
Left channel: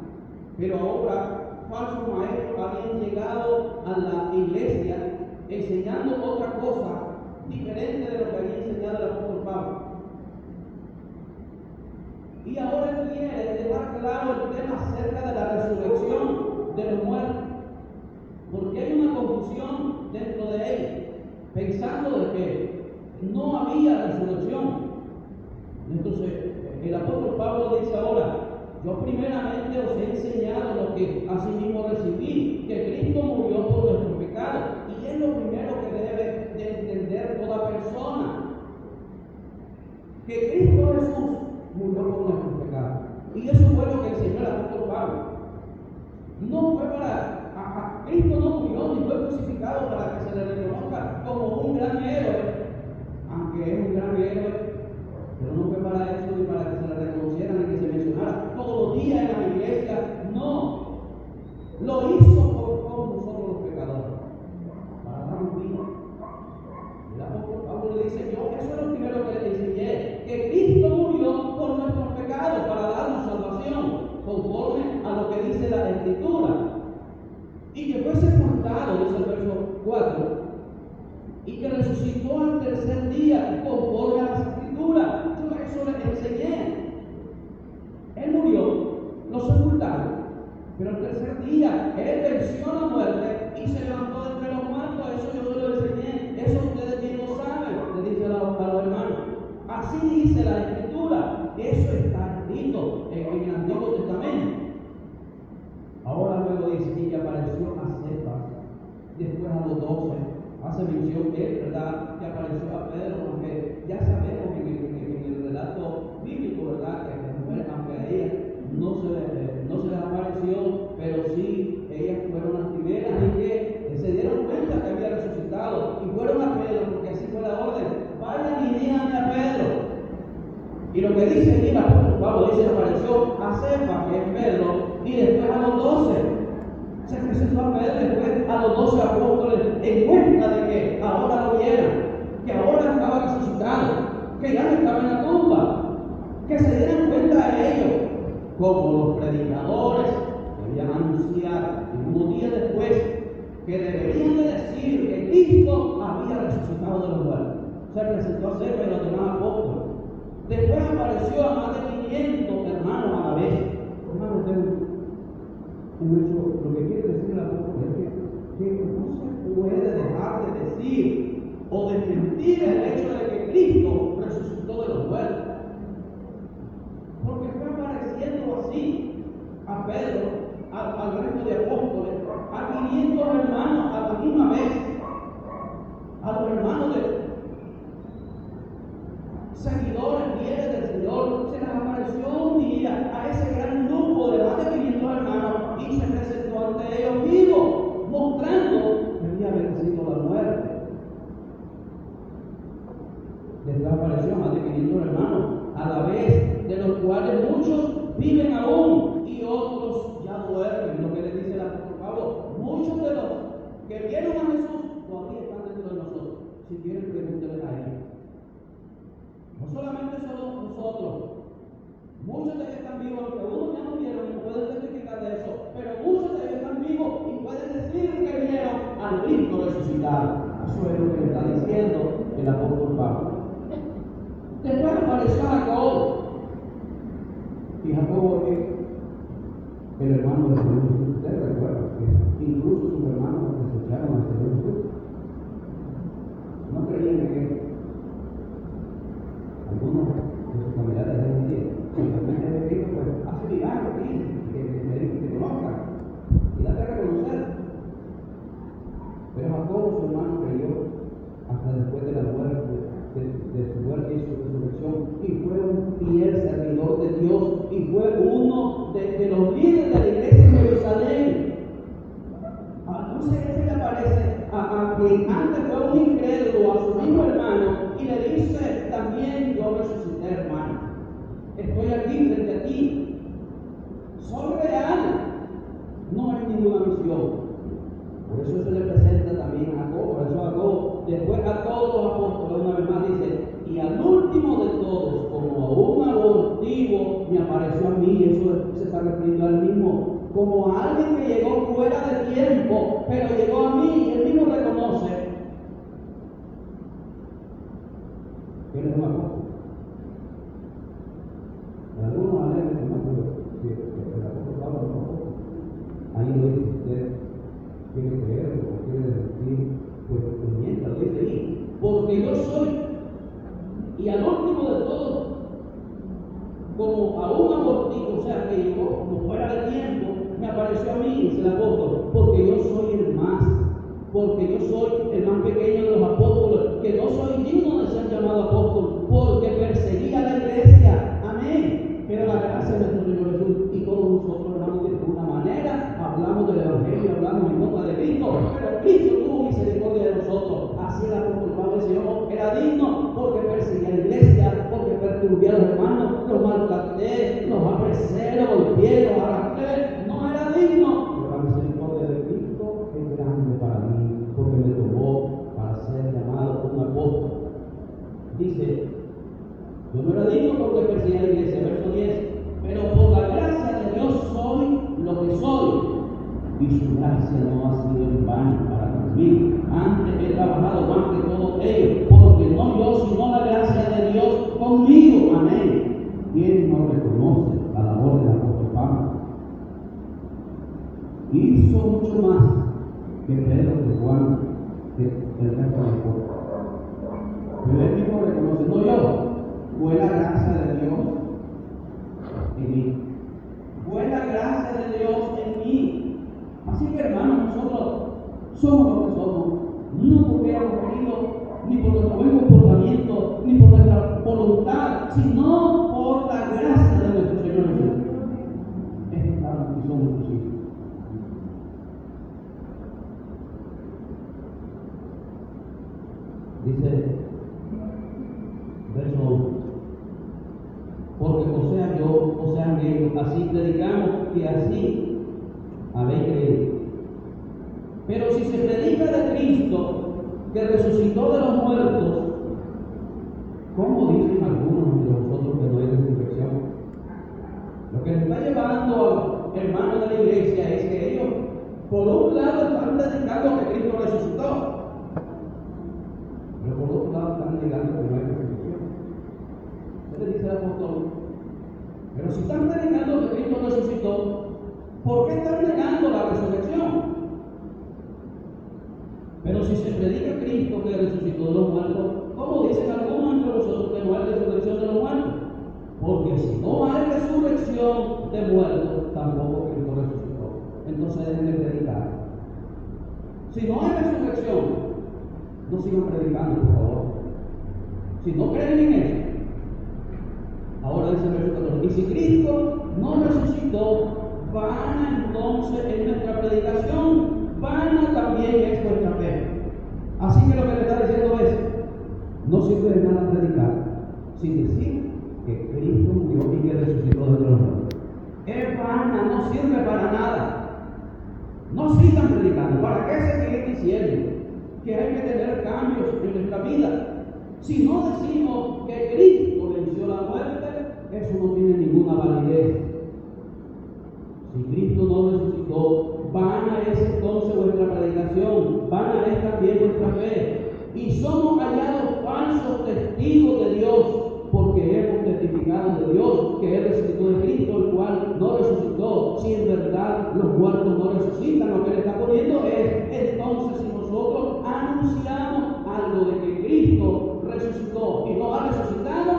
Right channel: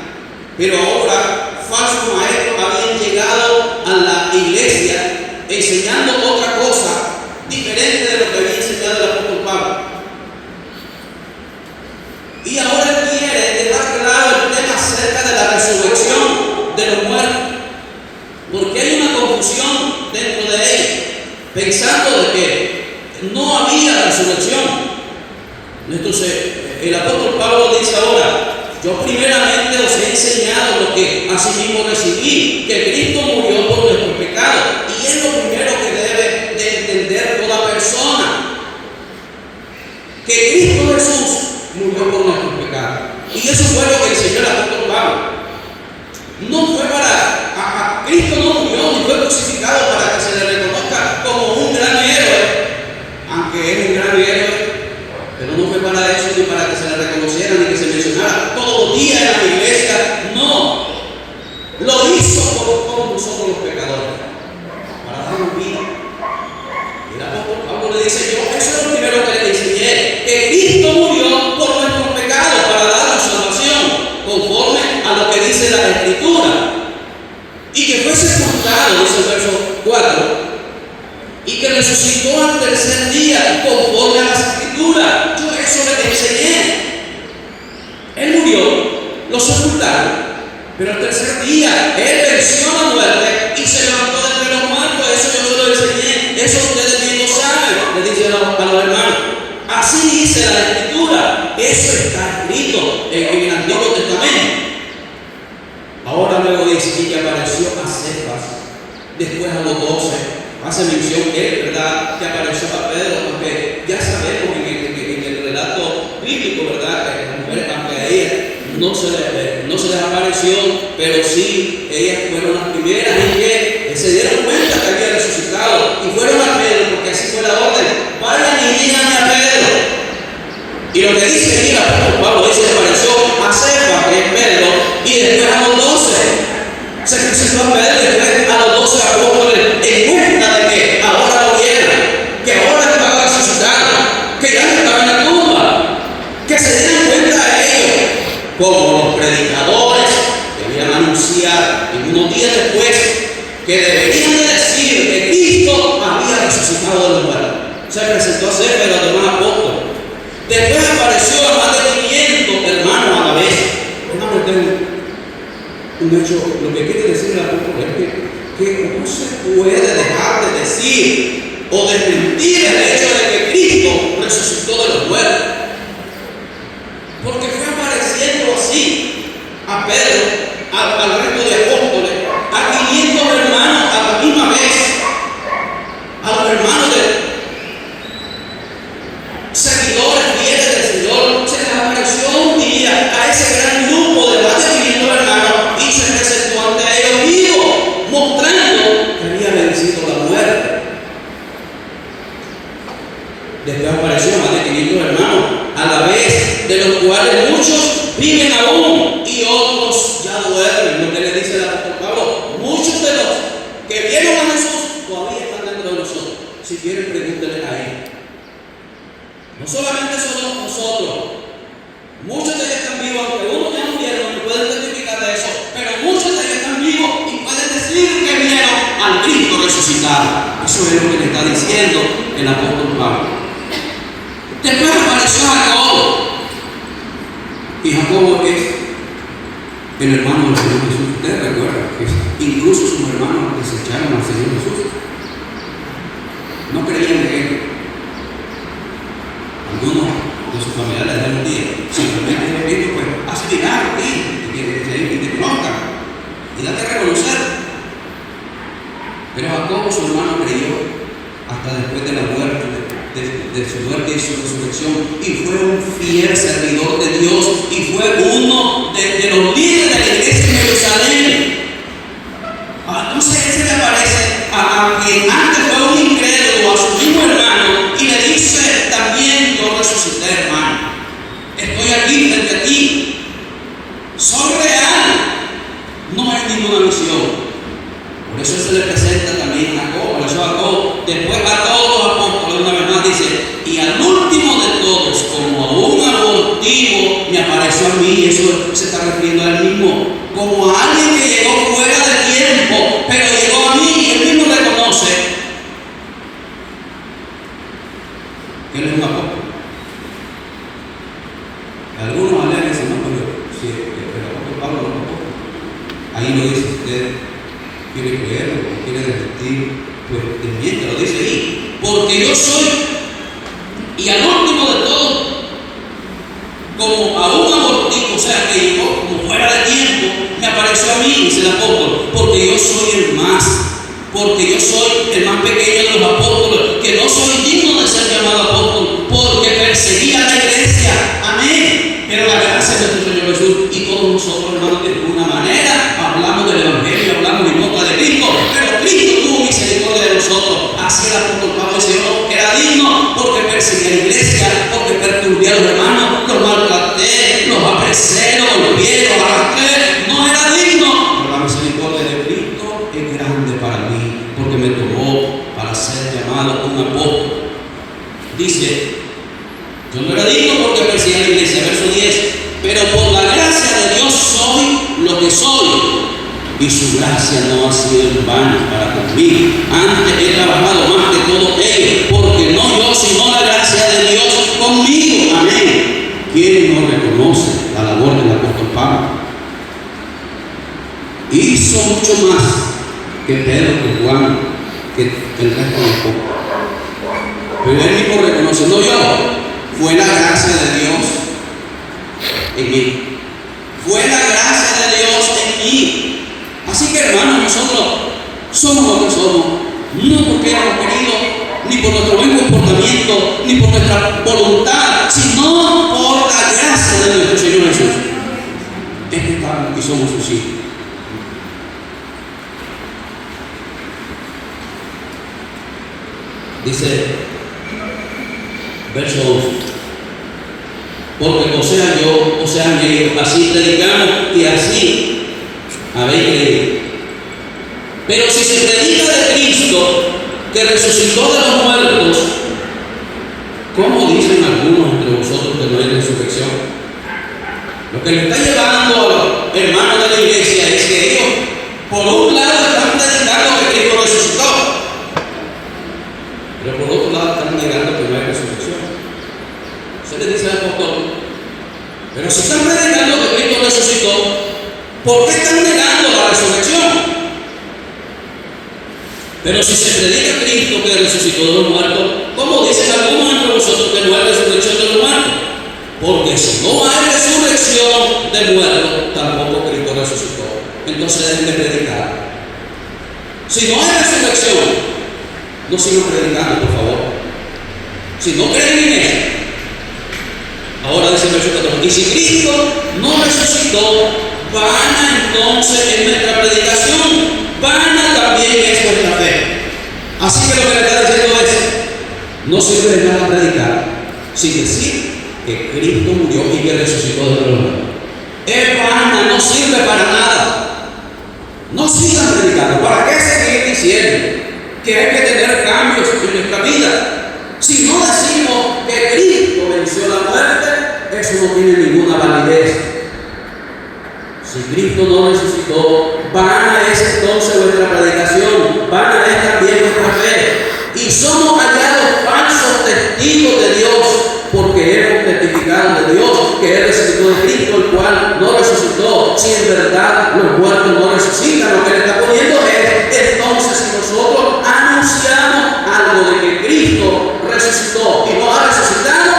Pero ahora falsos maestros habían llegado a la iglesia enseñando otra cosa diferente de lo que había enseñado el apóstol Pablo. Y ahora él quiere dejar claro el tema acerca de la resurrección de los muertos, porque hay una confusión dentro de ellos, pensando de que no había resurrección. Entonces el apóstol Pablo dice ahora: yo primeramente os he enseñado lo que asimismo recibí, que Cristo murió por nuestros pecados, y es lo primero que debe de entender toda persona, que Cristo Jesús murió por nuestros pecados. Y eso fue lo que enseñó el apóstol Pablo. No fue para, Cristo no murió ni fue crucificado para que se le reconozca como un gran héroe, aunque es un gran héroe, pero no fue para eso, ni para que se le reconociera, ni que se mencionara todos los días en la iglesia. No, lo hizo por nosotros los pecadores, para darnos vida. Y el apóstol Pablo le dice: yo, eso es lo primero que le enseñé, que Cristo murió por nuestros pecados para darnos salvación, conforme a lo que dice la Escritura, y que fue sepultado, dice el verso 4, y que resucitó al tercer día, conforme a las Escrituras. Yo eso le enseñé. Él murió, lo sepultaron, pero al tercer día Él venció la muerte y se levantó de entre los muertos. Eso yo se lo enseñé, eso ustedes bien lo saben, le dice a los hermanos. Así dice la Escritura, eso está escrito en el Antiguo Testamento. Ahora luego dice que apareció a Cefas, después a los 12. Hace mención que, ¿verdad?, que apareció a Pedro, porque ya sabemos en el relato bíblico, ¿verdad?, que las mujeres, aunque a ellas no se les apareció, pero sí, ellas fueron las primeras en que se dieron cuenta que había resucitado y fueron a Pedro, porque así fue la orden: vayan y díganme a Pedro. Y lo que dice aquí el apóstol Pablo dice: apareció a Cefas, que es Pedro, y después a los 12. Se presentó a Pedro y después a los 12 apóstoles, en cuenta de que ahora lo vieron, que ahora estaba resucitado, que ya no estaba en la tumba, que se dieran cuenta de ellos, como los predicadores debían anunciar en unos días después que deberían de decir que Cristo había resucitado de los muertos. Se presentó a Cefas y a los demás apóstoles. Después apareció a más de 500 hermanos a la vez. Hermano, tengo un hecho, lo que quiere decir el apóstol es que no se puede dejar de decir o desmentir el hecho de que Cristo resucitó de los muertos, porque fue apareciendo así a Pedro, al resto de apóstoles, a 500 hermanos a la misma vez, a los hermanos de seguidores fieles del Señor. Se les apareció un día a ese gran grupo de más de 500 hermanos y se presentó ante ellos vivo, mostrando que había vencido la muerte. Después apareció a más de 500 hermanos a la vez, de los cuales muchos viven aún y otros ya duermen. Lo que le dice el apóstol Pablo: muchos de los que vieron a Jesús todavía están dentro de nosotros. Si quieren, pregúntenles a ellos. No solamente somos nosotros, muchos de ellos están vivos, aunque unos ya no vieron, no pueden testificar de eso, pero muchos de ellos están vivos y pueden decir que vieron al Cristo resucitado. Eso es lo que le está diciendo el apóstol Pablo. Después apareció Jacobo, y Jacobo es el hermano del Señor Jesús. Ustedes recuerdan que incluso sus hermanos desecharon al Señor Jesús, no creían en él. Algunos de sus familiares le dan un día: si realmente es Cristo, pues hace milagros aquí, y te conozcan y date a reconocer. Pero Jacobo, su hermano, creyó hasta después de la muerte, de su muerte y su resurrección, y fue un fiel servidor de Dios, y fue uno de los líderes de la iglesia en Jerusalén. Entonces él se le aparece a quien antes fue un incrédulo, a su mismo hermano, y le dice también: yo resucité, hermano, estoy aquí frente a ti, soy real, no es ninguna misión. Por eso se le presenta también a Jacobo. Por eso Jacobo, después a todos los apóstoles, una vez más dice: y al último de todos, como apareció a mí, y eso se está refiriendo a él mismo, como a alguien que llegó fuera de tiempo, pero llegó a mí, y él mismo reconoce que él es un apóstol. Algunos alegan y dicen, no, pero si el apóstol Pablo no es un apóstol. Ahí lo dice usted, quiere creerlo o quiere desmentir, pues desmiente, lo dice ahí, porque yo soy, y al último de todo, como a un abortivo, o sea, que llegó como fuera de tiempo, me apareció a mí, dice el apóstol, porque yo soy el más, porque yo soy el más pequeño de los apóstoles, que no soy digno de ser llamado apóstol, porque perseguía a la iglesia, amén. Pero la gracia de nuestro Señor Jesús, y todos nosotros, hermanos, de alguna manera hablamos del Evangelio, hablamos en boca de Cristo, pero Cristo tuvo misericordia de nosotros. Así el apóstol Pablo decía, yo no era digno porque perseguía a la iglesia, porque perturbé a los hermanos, los maltraté, los apresé, los golpeé, los arrastré, no era digno. Pero la misericordia de Cristo es grande para mí, porque me tomó para ser llamado un apóstol. Dice, yo no era digno porque perseguía a la iglesia, verso 10, pero por la gracia de Dios soy lo que soy, y su gracia no ha sido en vano para conmigo. Antes he trabajado más que todo ellos, porque no yo, sino la gracia de Dios conmigo. Amén. ¿Quién no reconoce la labor del apóstol Pablo? Hizo mucho más que Pedro, que Juan, que el resto de los apóstoles. Pero él mismo reconoce, no yo, fue la gracia de Dios en mí. Fue la gracia de Dios en mí. Así que, hermanos, nosotros somos lo que somos, no porque hemos querido, ni por nuestro buen comportamiento, ni por nuestra voluntad, sino por la gracia de nuestro Señor Jesús. Es que estamos y somos sus hijos. Dice, verso 12. Porque o sea yo, o sea ellos, así predicamos y así habéis creído. Pero si se predica de Cristo, que resucitó de los muertos, ¿cómo dicen algunos entre vosotros que no hay resurrección? Lo que le está llevando a los hermanos de la iglesia es que ellos, por un lado, están predicando que Cristo resucitó, pero por otro lado están negando que no hay resurrección. Se le dice al apóstol, pero si están predicando que Cristo resucitó, ¿por qué están negando la resurrección? Pero si se predica Cristo que resucitó de los muertos, ¿cómo dicen algunos entre vosotros que no hay resurrección de los muertos? Porque si no hay resurrección de muertos, tampoco Cristo resucitó. Entonces deben de predicar. Si no hay resurrección, no sigan predicando, por favor. Si no creen en eso. Ahora dice el verso 14, y si Cristo no resucitó, vana entonces es nuestra predicación, vana también es nuestra fe. Así que lo que le está diciendo es, no sirve de nada predicar sin decir que Cristo murió y que resucitó de los muertos. Es vana, no sirve para nada. No sigan predicando. ¿Para qué seguir diciendo que hay que tener cambios en nuestra vida? Si no decimos que Cristo venció la muerte, eso no tiene ninguna validez. Si Cristo no resucitó, vana es entonces nuestra predicación, vana es también nuestra fe. Y somos hallados falsos testigos de Dios, porque hemos testificado de Dios que Él resucitó de Cristo, el cual no resucitó. Si en verdad los muertos no resucitan, lo que le está poniendo es, entonces si nosotros anunciamos algo de que Cristo resucitó y no ha resucitado,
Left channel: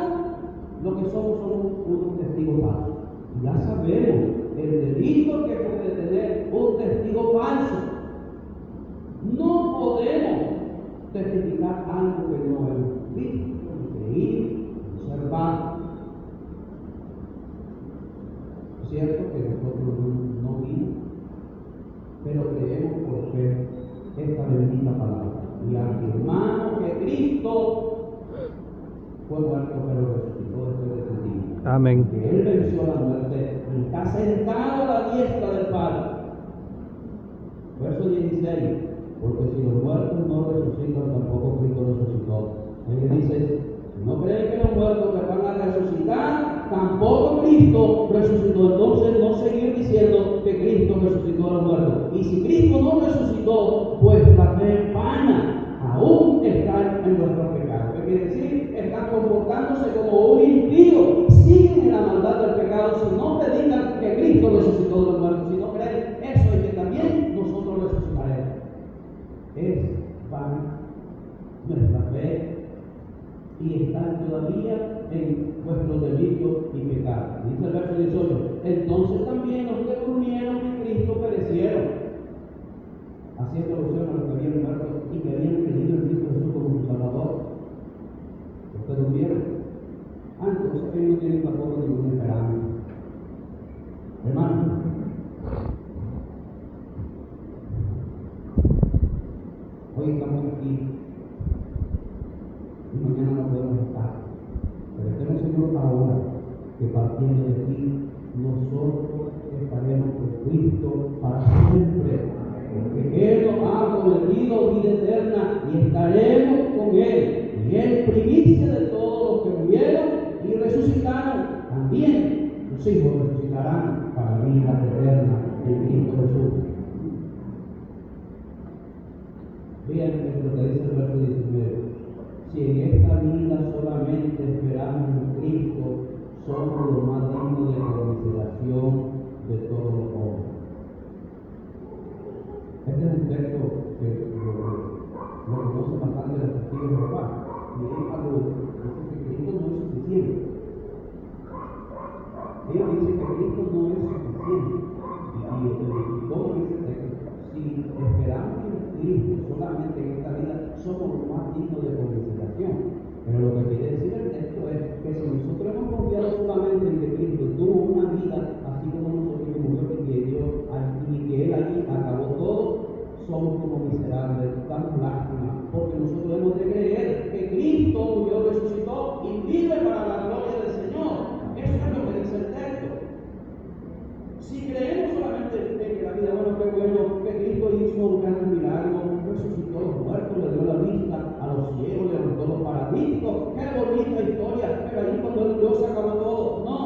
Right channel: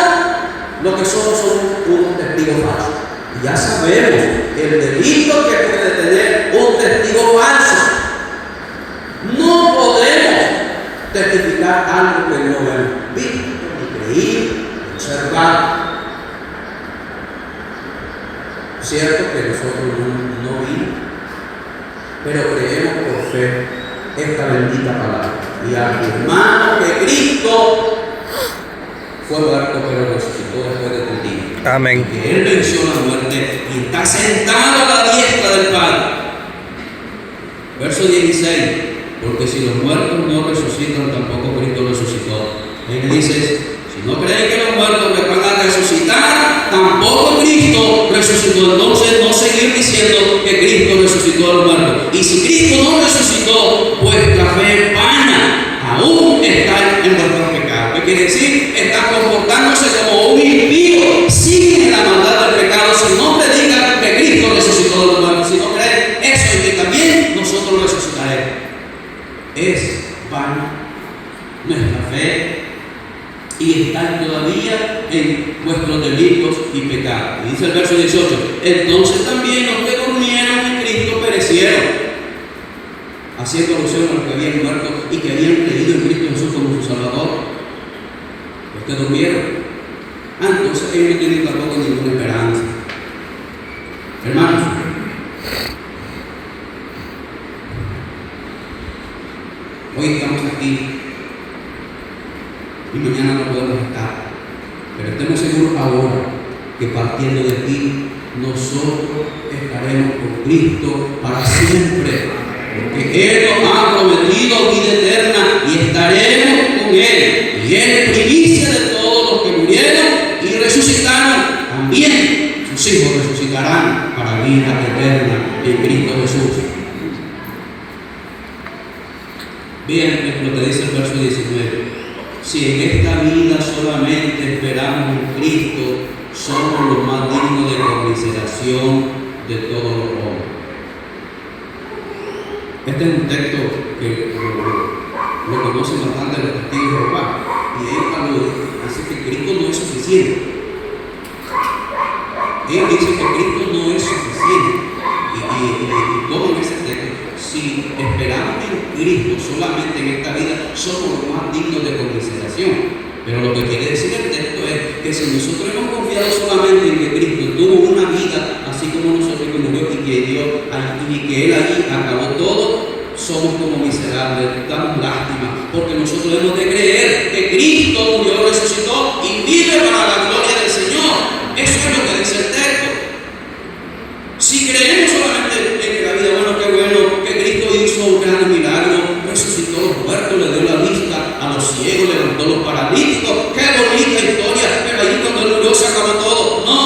lo que somos unos testigos falsos. Y ya sabemos el delito que puede tener un testigo falso. No podemos testificar algo que no hemos visto, ni creído, ni observado. Cierto que nosotros no vimos, pero creemos por fe esta bendita palabra y afirmamos que Cristo fue muerto pero resucitó después de 3 días. Amén. Que Él venció la muerte y está sentado a la diestra del Padre. Verso 16. Porque si los muertos no resucitan, tampoco Cristo resucitó. Él dice, si no creen que los muertos me van a resucitar, tampoco Cristo Cristo resucitó. Entonces no seguir diciendo que Cristo resucitó a los muertos. Y si Cristo no resucitó, vuestra fe es vana, aún está en vuestros pecados. ¿Qué quiere decir? Está comportándose como un impío, siguen en la maldad del pecado. Si no predican que Cristo resucitó a los muertos, si no creen eso y que también nosotros resucitaremos, es vana nuestra fe y están todavía en vuestros delitos y pecados. Y dice el verso 18: entonces también los que durmieron en Cristo perecieron, haciendo alusión a los que habían muerto y que habían creído en Cristo Jesús como su Salvador. Los que durmieron, entonces ellos no tienen tampoco ninguna esperanza. Hermanos, hoy estamos aquí y mañana no podemos estar, pero estemos seguros ahora que partiendo de ti nosotros estaremos con Cristo para siempre, porque Él nos ha prometido vida eterna y estaremos con Él, y Él es primicia de todos los que murieron y resucitaron. También sus hijos resucitarán para vida eterna en Cristo Jesús. Vean lo que dice el verso 19: si en esta vida solamente esperamos en Cristo, somos los más dignos de conmiseración de todos los hombres. Este es un texto que lo conocen bastante los testigos de Jehová, y ellos dicen que Cristo no es suficiente. Ellos dicen que Cristo no es suficiente, y toman ese texto. Si esperamos en Cristo solamente en esta vida, somos los más dignos de conmiseración. Pero lo que quiere decir el texto es que si nosotros hemos confiado solamente en que Cristo tuvo una vida así como nosotros, que murió y que Él allí acabó todo, somos como miserables, damos lástima, porque nosotros hemos de creer que Cristo murió, resucitó y vive para la gloria del Señor. Eso es lo que dice el texto. Si creemos solamente en que la vida, bueno, qué bueno, que Cristo hizo un gran milagro, resucitó a los muertos, le dio la vista a los ciegos, levantó a los paralíticos, qué bonita historia, pero allí cuando Él murió se acabó todo. No,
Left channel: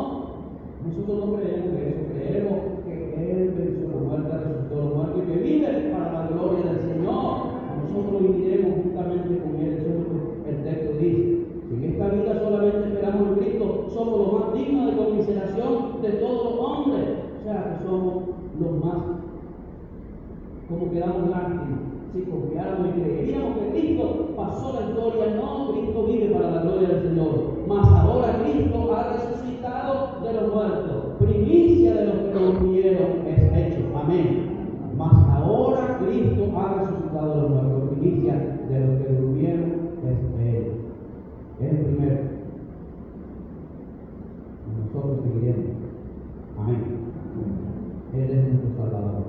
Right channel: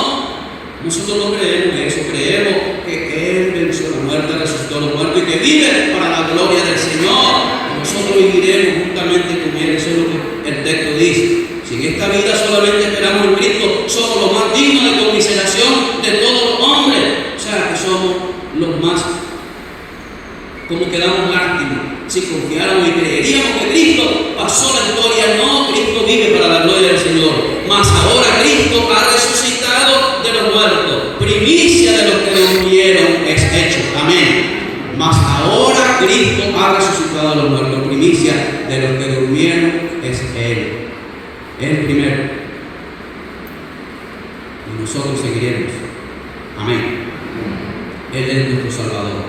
nosotros no creemos eso, creemos que Él venció la muerte, resucitó a los muertos y que vive para la gloria del Señor. Y nosotros viviremos juntamente con Él. Eso es lo que el texto dice. Si en esta vida solamente esperamos en Cristo, somos los más dignos de conmiseración de todos los hombres. O sea, que somos los más, como que damos lástima. Si confiáramos y creeríamos que Cristo pasó la historia, no, Cristo vive para la gloria del Señor. Mas ahora Cristo ha resucitado de los muertos, primicia de los que durmieron es hecho. Amén. Mas ahora Cristo ha resucitado de los muertos, primicia de los que durmieron es Él. Él primero. Y nosotros seguiremos. Amén. Él es nuestro Salvador,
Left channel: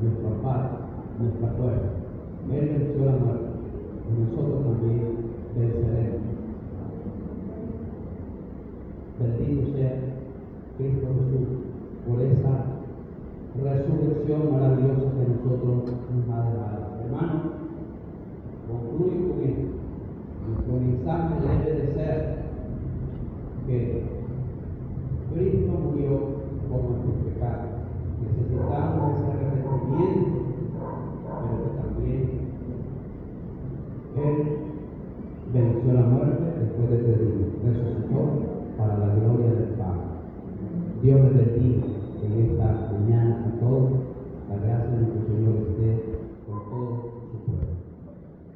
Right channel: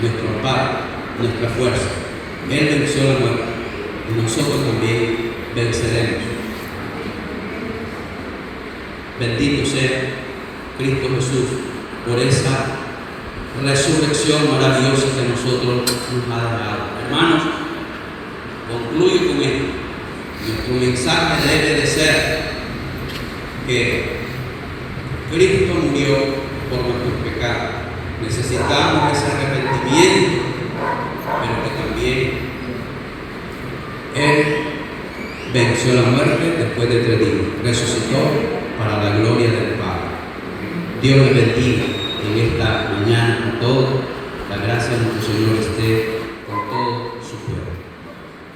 nuestro Padre, nuestra fuerza. Él venció la muerte y nosotros también venceremos. Bendito sea Cristo Jesús por esa resurrección maravillosa que nosotros nos ha dado. Hermanos, concluyo con esto. Nuestro mensaje debe de ser que Cristo murió por nuestros pecados. Necesitamos ese arrepentimiento, pero que también Él venció la muerte después de 3 días, resucitó para la gloria del Padre. Dios les bendiga en esta mañana a todos. La gracia de nuestro Señor esté